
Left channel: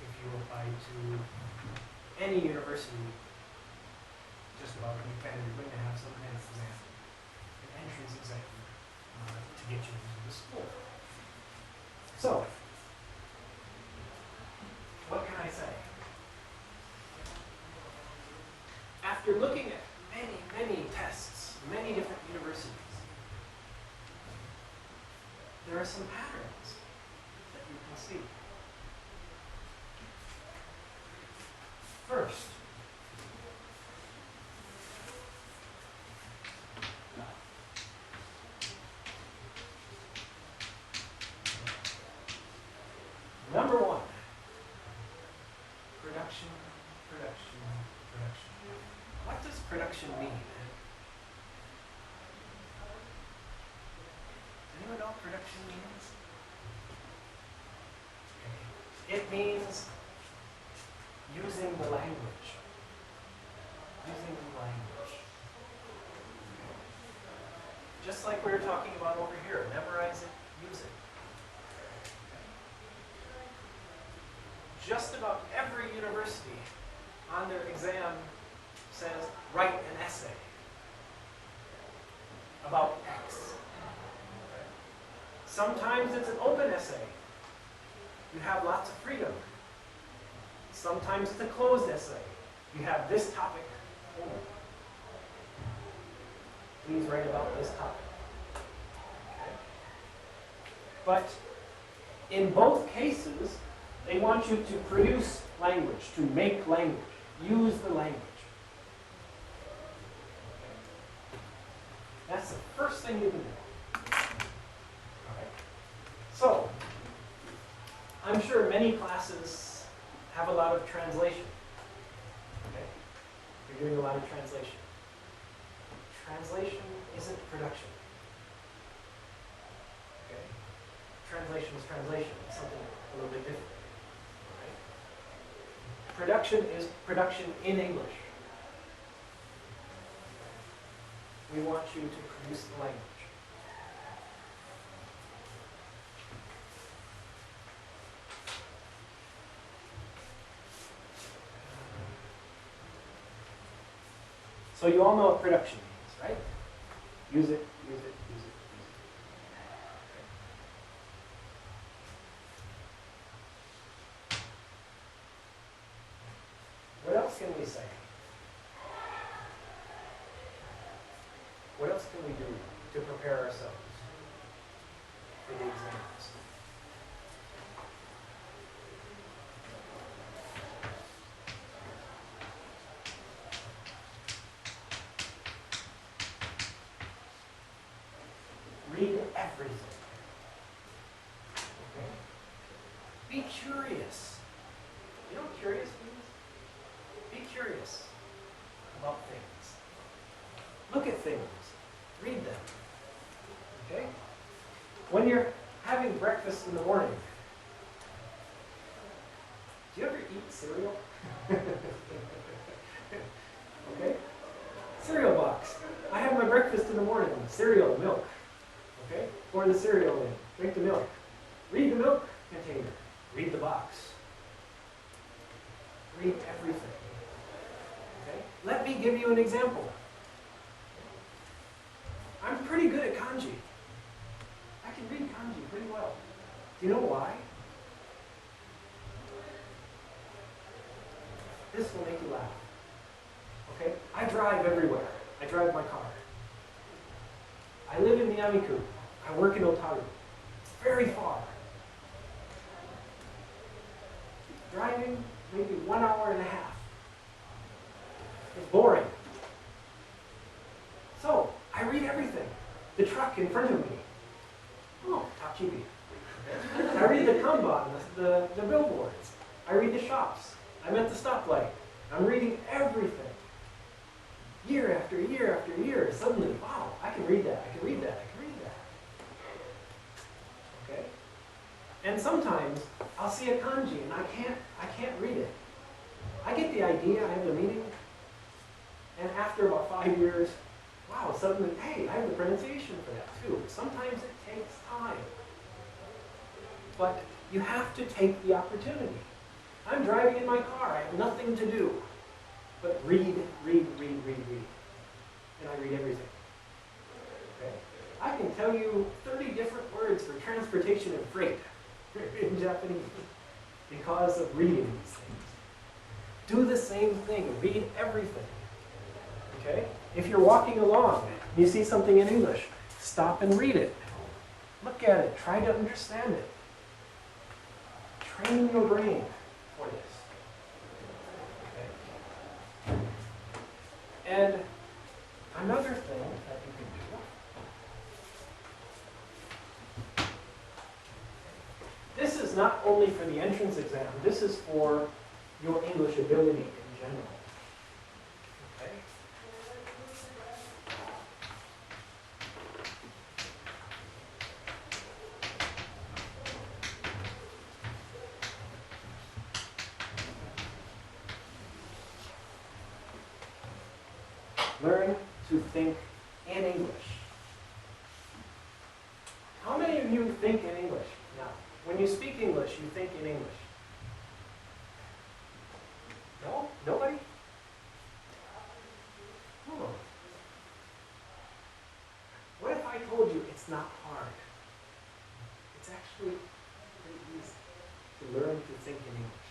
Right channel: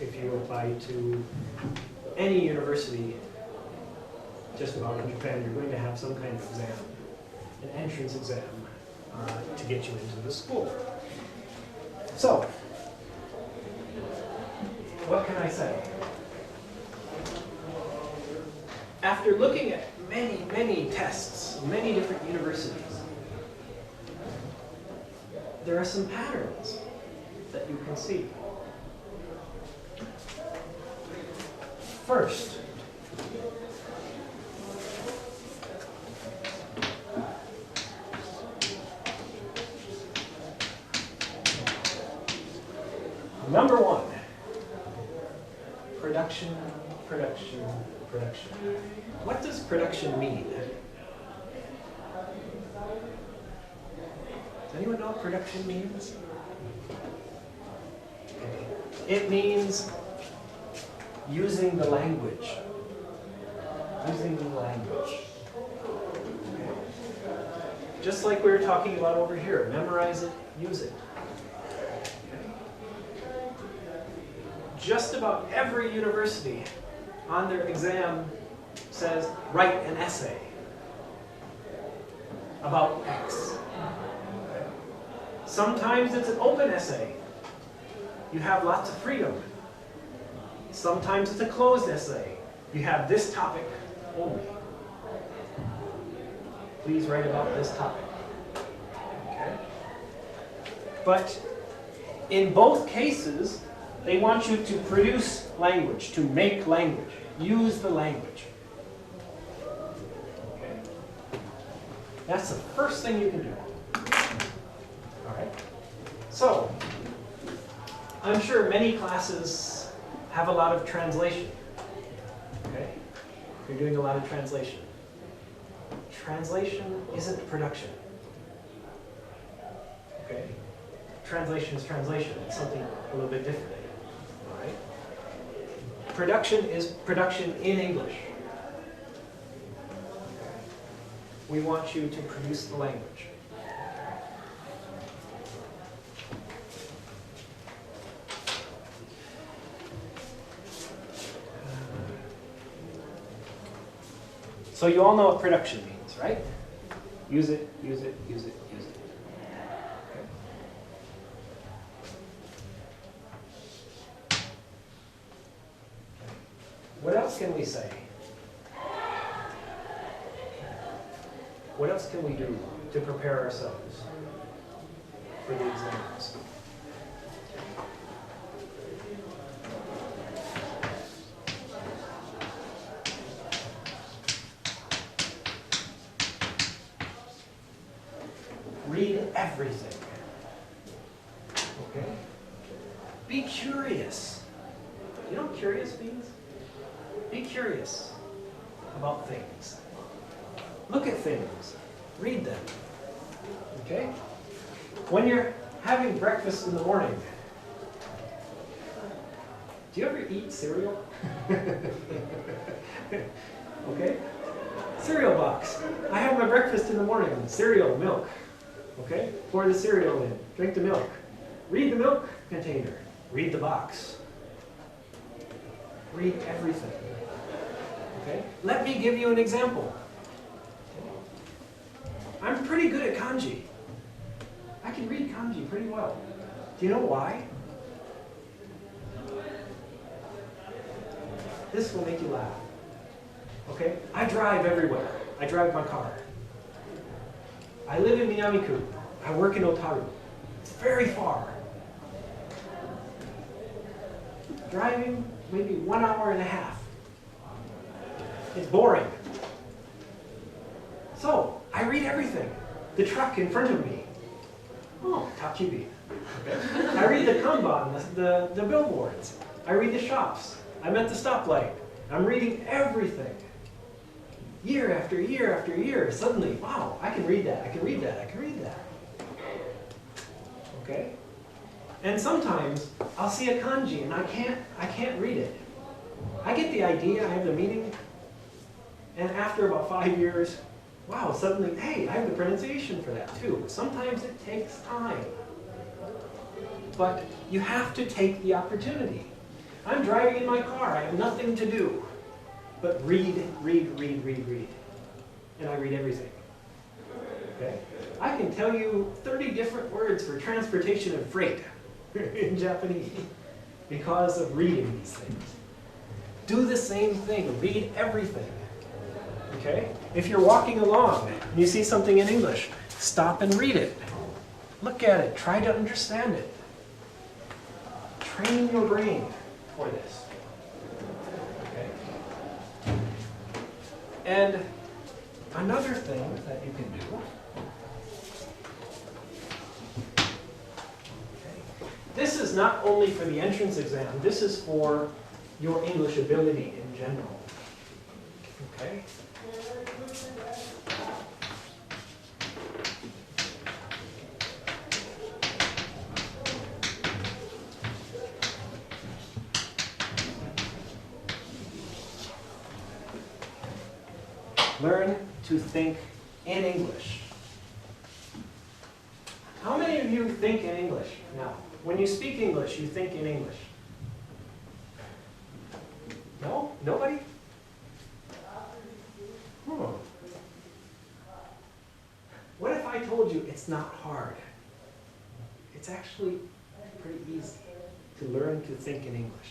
if you apply to any university, just about any pen, you're going to have some kind of exam, an entrance exam, to get you into the school. So, what can I say? After looking at many, many tests, many different universities, there are some patterns that you can see. First, number one, production, production, production. What does production mean? Does anyone know what production means? Okay. It means using the language. Using the language. Okay. Just like we were talking about over here, memorize it, use it. Just about every university on their exam says, write an essay about X. Sometimes it's an open essay. You have lots of freedom. Sometimes it's a closed essay. You have this topic only. Please write about this topic. Okay? But in both cases, they want you to produce language, to make language, use the language. Okay? That's the first thing you can do. All right? So, I'm sure many classes have a lot of translation. Okay? You're doing a lot of translation. Translation isn't production. Okay? Translation is translation. It's something a little bit different. Production is production in English. We want you to produce the language. So you all know what production means, right? Use it, use it, use it, use it. What else can we say? What else can we do to prepare ourselves for the exams? Read everything. Okay? Be curious. You know what curious means? Be curious about things. Look at things. Read them. Okay? When you're having breakfast in the morning, do you ever eat cereal? Okay? Cereal box. I have my breakfast in the morning. Cereal, milk. Okay? Pour the cereal in. Drink the milk. Read the milk container. Read the box. Read everything. Okay? Let me give you an example. I'm pretty good at kanji. I can read kanji pretty well. Do you know why? This will make you laugh. Okay? I drive everywhere. I drive my car. I live in Miyamiku. I work in Otaru. It's very far. Driving maybe 1 hour and a half. It's boring. So, I read everything. The truck in front of me. Oh, takibi. Okay. I read the kanban, the billboards. I read the shops. I'm at the stoplight. I'm reading everything. Year after year after year, suddenly, wow, I can read that, I can read that, I can read that. Okay? And sometimes I'll see a kanji and I can't read it. I get the idea, I have the meaning, and after about 5 years, wow, suddenly, hey, I have the pronunciation for that too. Sometimes it takes time. but you have to take the opportunity. I'm driving in my car, I have nothing to do but read. And I read everything. Okay? I can tell you 30 different words for transportation and freight in Japanese because of reading these things. Do the same thing, read everything. Okay? If you're walking along and you see something in English, stop and read it. Look at it, try to understand it. Train your brain for this. Okay? And another thing that you can do, this is not only for the entrance exam, this is for your English ability in general. Okay? Learn to think in English. How many of you think in English now? When you speak English, you think in English? No? Nobody? What if I told you it's not hard? It's actually pretty easy to learn to think in English.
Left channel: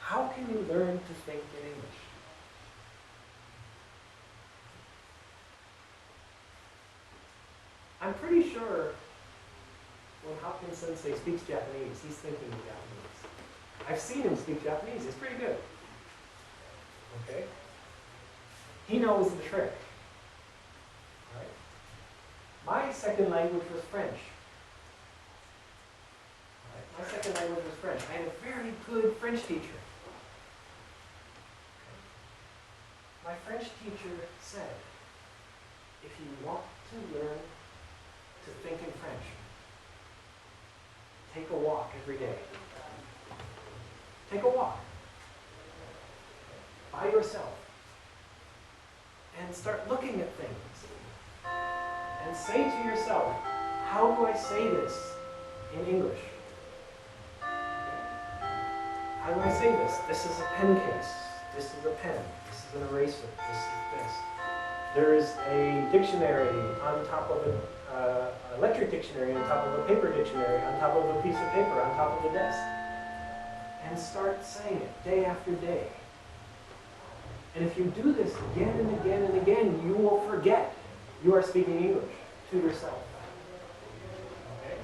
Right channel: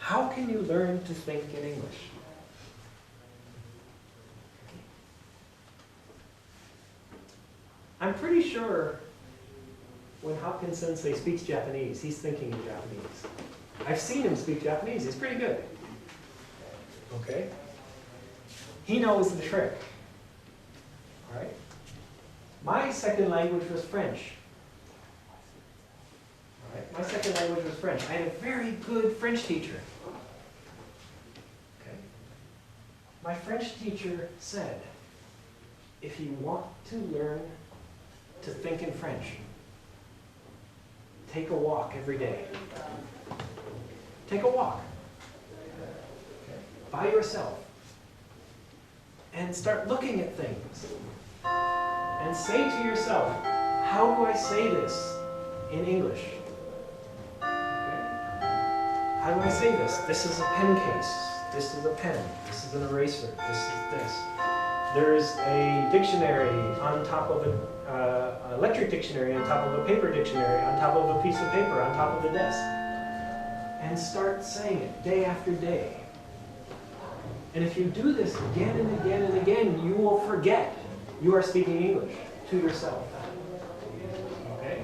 How can you learn to think in English? I'm pretty sure when Hopkins Sensei speaks Japanese, he's thinking in Japanese. I've seen him speak Japanese, he's pretty good. Okay? He knows the trick. All right? My second language was French. All right? My second language was French. I had a very good French teacher. Okay? My French teacher said, if you want to learn to think in French, take a walk every day. Take a walk by yourself and start looking at things and say to yourself, how do I say this in English? Okay? How do I say this? This is a pen case. This is a pen. This is an eraser. This is this. There is a dictionary on top of an electric dictionary, on top of a paper dictionary, on top of a piece of paper, on top of the desk. And start saying it day after day. And if you do this again and again and again, you will forget you are speaking English to yourself. Okay?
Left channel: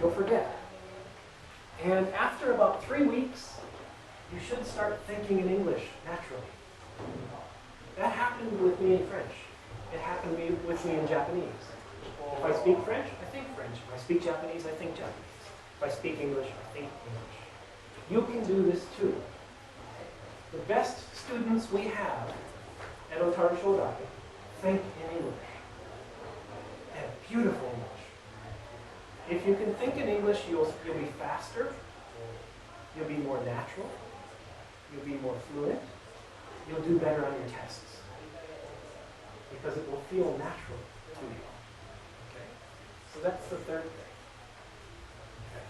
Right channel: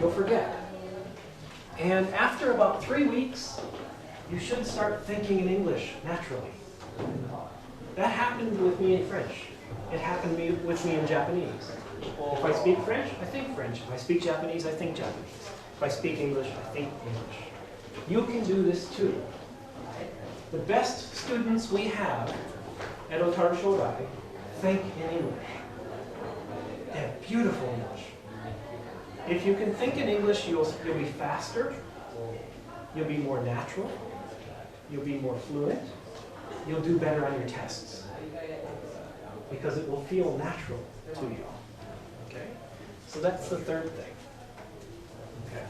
You'll forget. And after about 3 weeks, you should start thinking in English naturally. That happened with me in French. It happened with me in Japanese. If I speak French, I think French. If I speak Japanese, I think Japanese. If I speak English, I think English. You can do this too. The best students we have at Otaru Shodai think in English. They have beautiful English. If you can think in English, you'll be faster, you'll be more natural, you'll be more fluent, you'll do better on your tests. Because it will feel natural to you. Okay? So that's the third thing. Okay.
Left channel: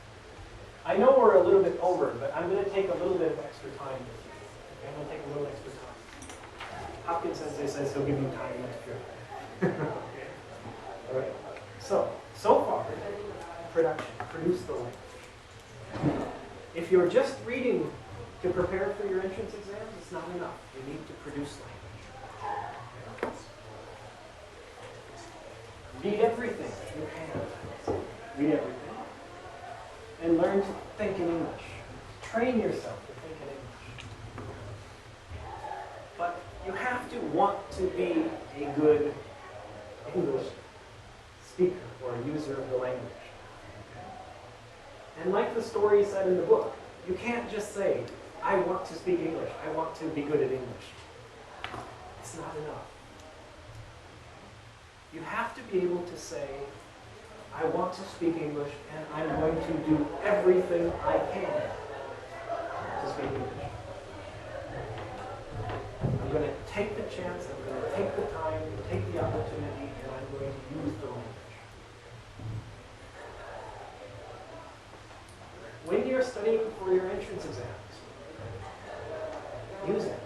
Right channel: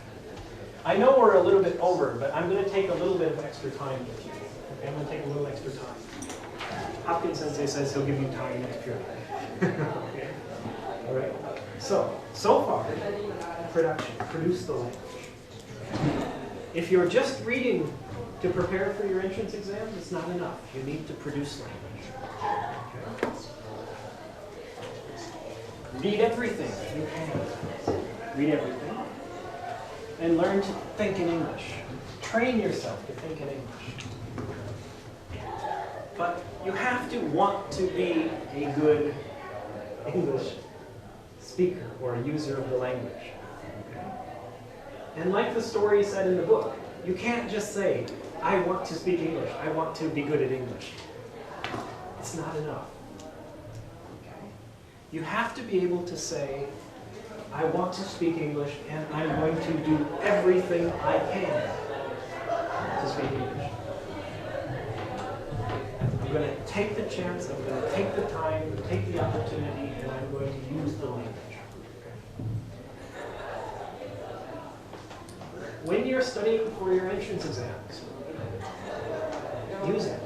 I know we're a little bit over, but I'm going to take a little bit of extra time with you. Okay? I'm going to take a little extra time. Hopkins Sensei says he'll give you time next period. Okay? All right. So far, production. Produce the language. If you're just reading to prepare for your entrance exams, it's not enough. You need to produce language. Okay? Read everything you can. Read everything. And learn to think in English. Train yourself to think in English. But you have to want to be a good English speaker or a user of the language. And like the story said in the book, you can't just say, I want to speak English, I want to be good at English. It's not enough. You have to be able to say, I want to speak English and I'm going to do everything I can to speak English. I'm going to take the chance, I'm going to take the time, take the opportunity, and I'm going to use the language. when you're studying for your entrance exams, use it.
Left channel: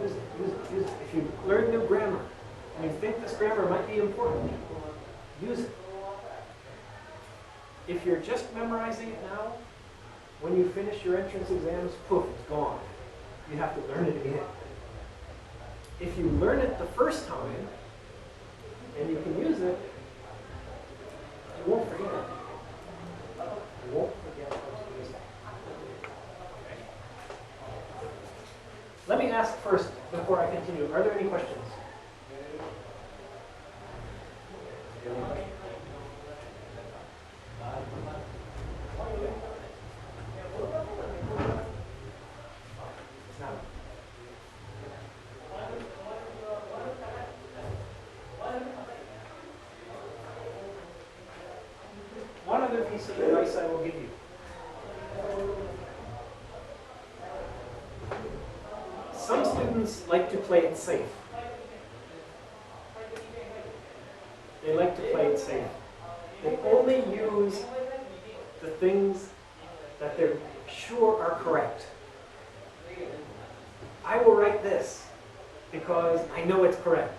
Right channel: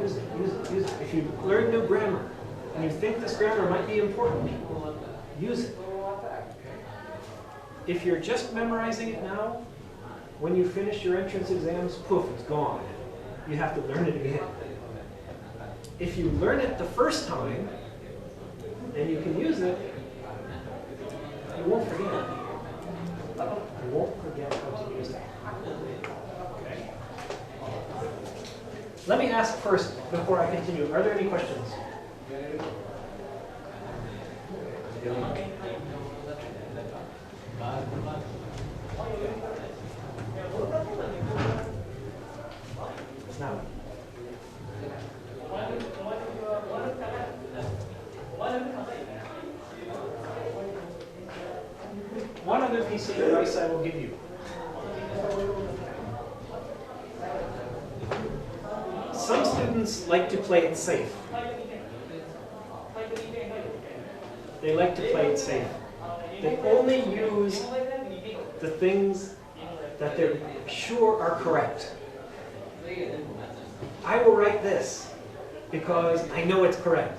Use it, use it, use it. If you learn new grammar and you think this grammar might be important, use it. If you're just memorizing it now, when you finish your entrance exams, poof, it's gone. You have to learn it again. If you learn it the first time, and you can use it, you won't forget it. You won't forget how to use it. Okay? Let me ask first, before I continue, are there any questions? Now, one other piece of advice I will give you. Some students like to play it safe. They like to play it safe. They only use the things that they're sure are correct. I will write this because I know it's correct.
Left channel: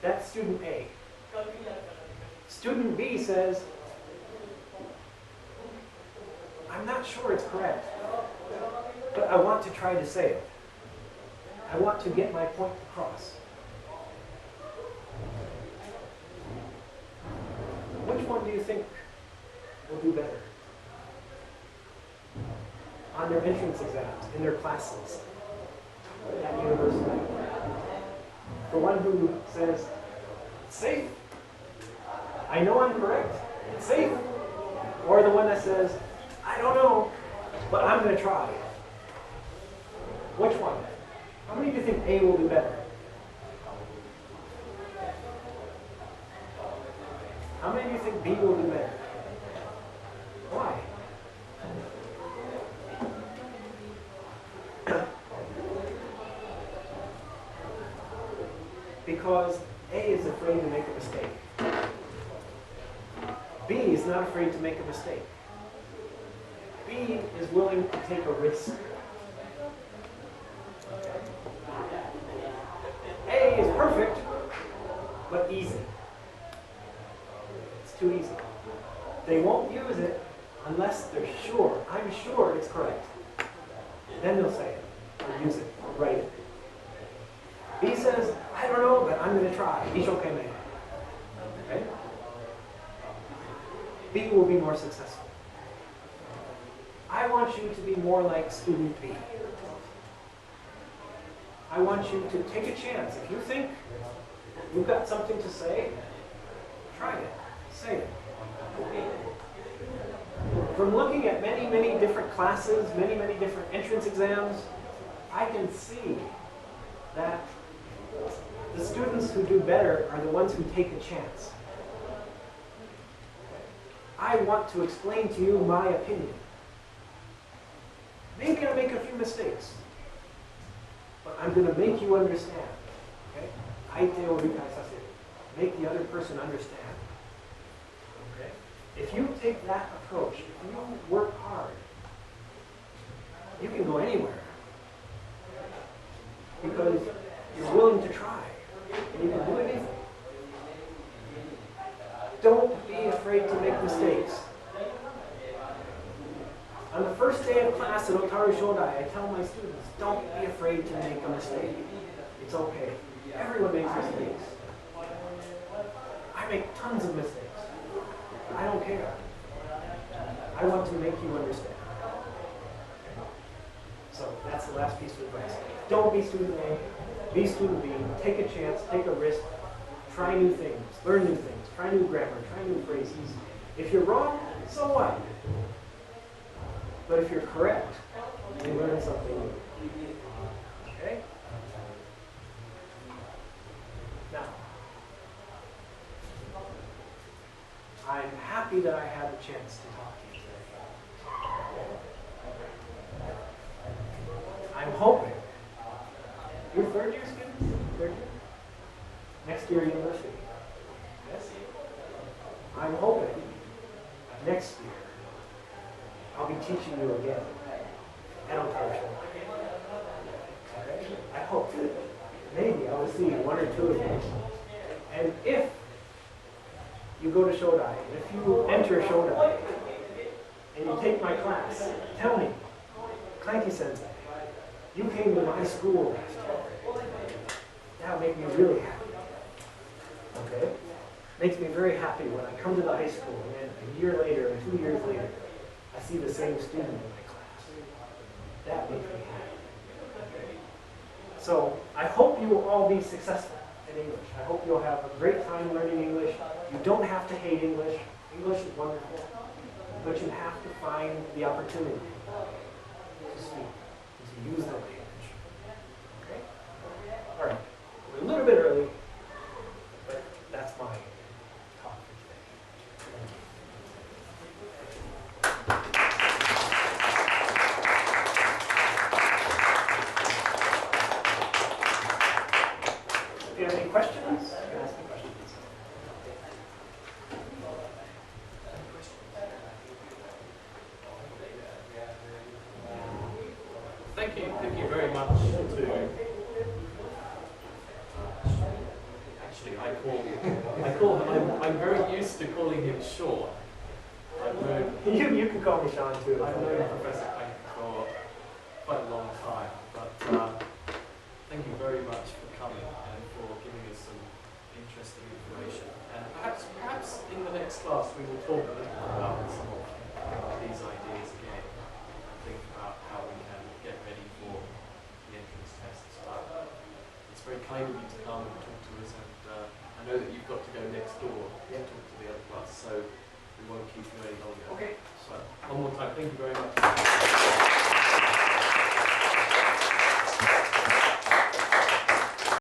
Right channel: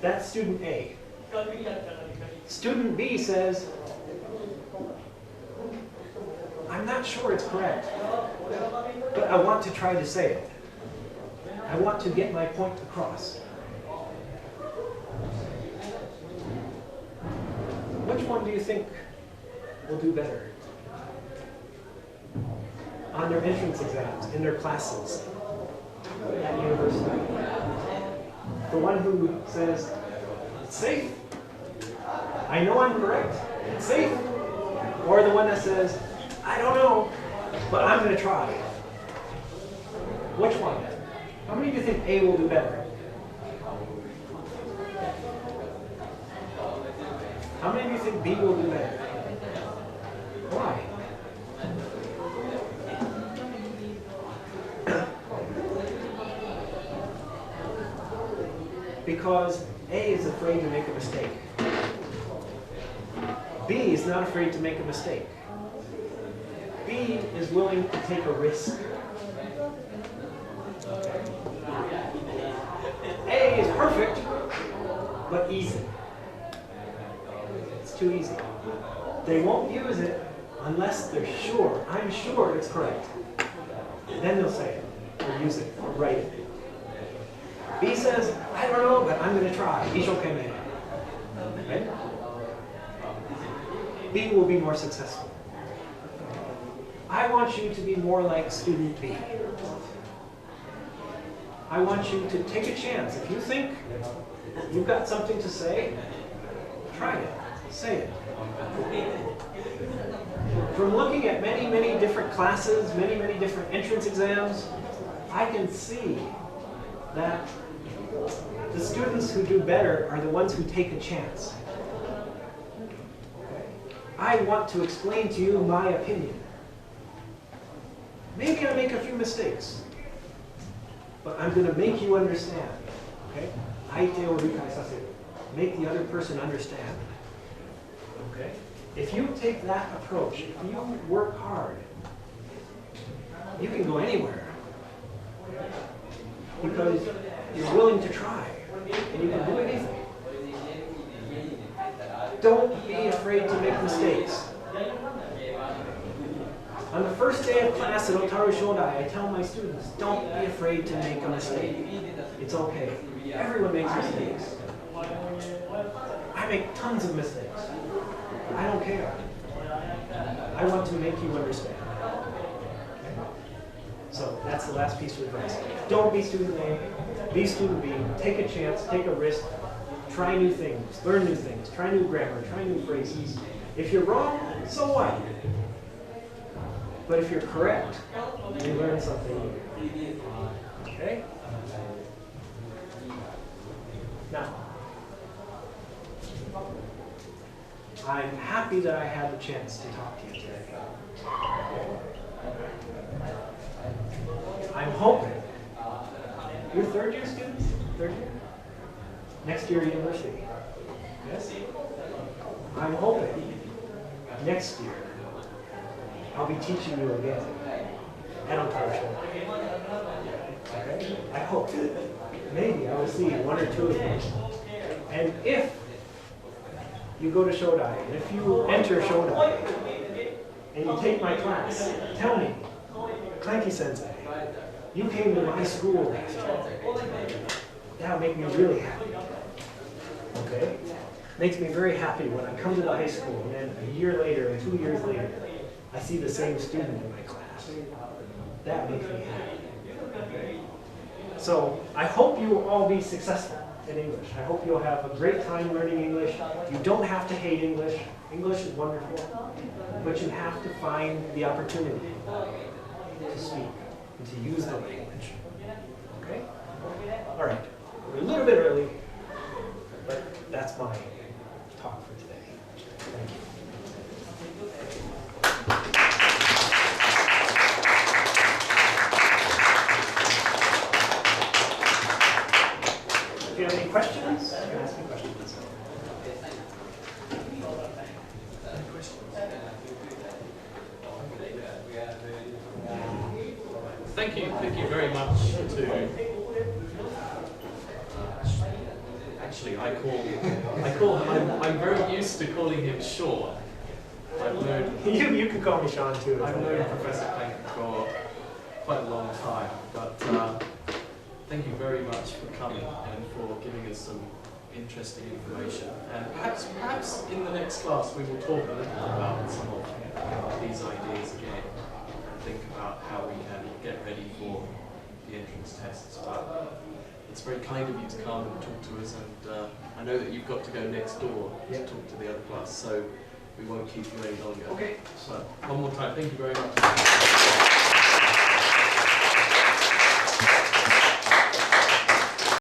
That's student A. Student B says, I'm not sure it's correct, but I want to try to say it. I want to get my point across. Which one do you think will do better on their entrance exams, in their classes at university? The one who says, it's safe. I know I'm correct. It's safe. Or the one that says, I don't know, but I'm going to try. Which one? How many of you think A will do better? How many of you think B will do better? Why? Because A is afraid to make a mistake. B is not afraid to make a mistake. B is willing to take a risk. A is perfect, but easy. It's too easy. They won't use it unless they're sure. I'm sure it's correct. Then they'll say it, or use it, or write it. B says, I don't know, but I'm going to try. Right? B will be more successful. I want you to be more like student B. I want you to take a chance. If you think you've got something to say, try it. Say it. From looking at many, many different classes, many, many different entrance exams, I can see that the students who do better are the ones who take a chance. I want to explain to you my opinion. Maybe I make a few mistakes, but I'm going to make you understand. Okay? Aite o rikai saseru. Make the other person understand. Okay? If you take that approach, if you work hard, you can go anywhere. Because you're willing to try, and you can do anything. Don't be afraid to make mistakes. On the first day of class at Otaru Shodai, I tell my students, don't be afraid to make a mistake. It's okay. Everyone makes mistakes. I make tons of mistakes. I don't care. I want to make you understand. So that's the last piece of advice. Don't be student A, be student B. Take a chance, take a risk, try new things, learn new things, try new grammar, try new phrases. If you're wrong, so what? But if you're correct, you learn something new. Okay? Now, I'm happy that I had the chance to talk to you today. I'm hoping. You're third year students? Third year? Next year university. Yes? I'm hoping next year I'll be teaching you again at Otaru. Okay? I hope. Maybe I will see one or two of you. And if you go to Shodai, and if you enter Shodai, and you take my class, tell me, Clankie Sensei, you came to my school last year. That would make me really happy. Okay? Makes me very happy when I come to the high school, and then a year later, and 2 years later, I see the same student in my class. That makes me happy. So I hope you will all be successful in English. I hope you'll have a great time learning English. You don't have to hate English. English is wonderful. But you have to find the opportunity to speak and to use the language. Okay? All right. We're a little bit early, but that's my talk for today. Thank you. If you have any questions, you can ask me questions. Thank you very much to. Actually, I'm very used to calling him Shawn. I've known. You can call me Shawn too. I've known Professor Clankie for quite a long time, but thank you very much for coming and for giving us some interesting information. And perhaps in the next class we will talk a little about some of these ideas again and think about how we can get ready for the entrance tests. But it's very kind of you to come and talk to us, and I know that you've got to go next door to talk to the other class, so we won't keep you any longer. Okay. So, one more time, thank you very much.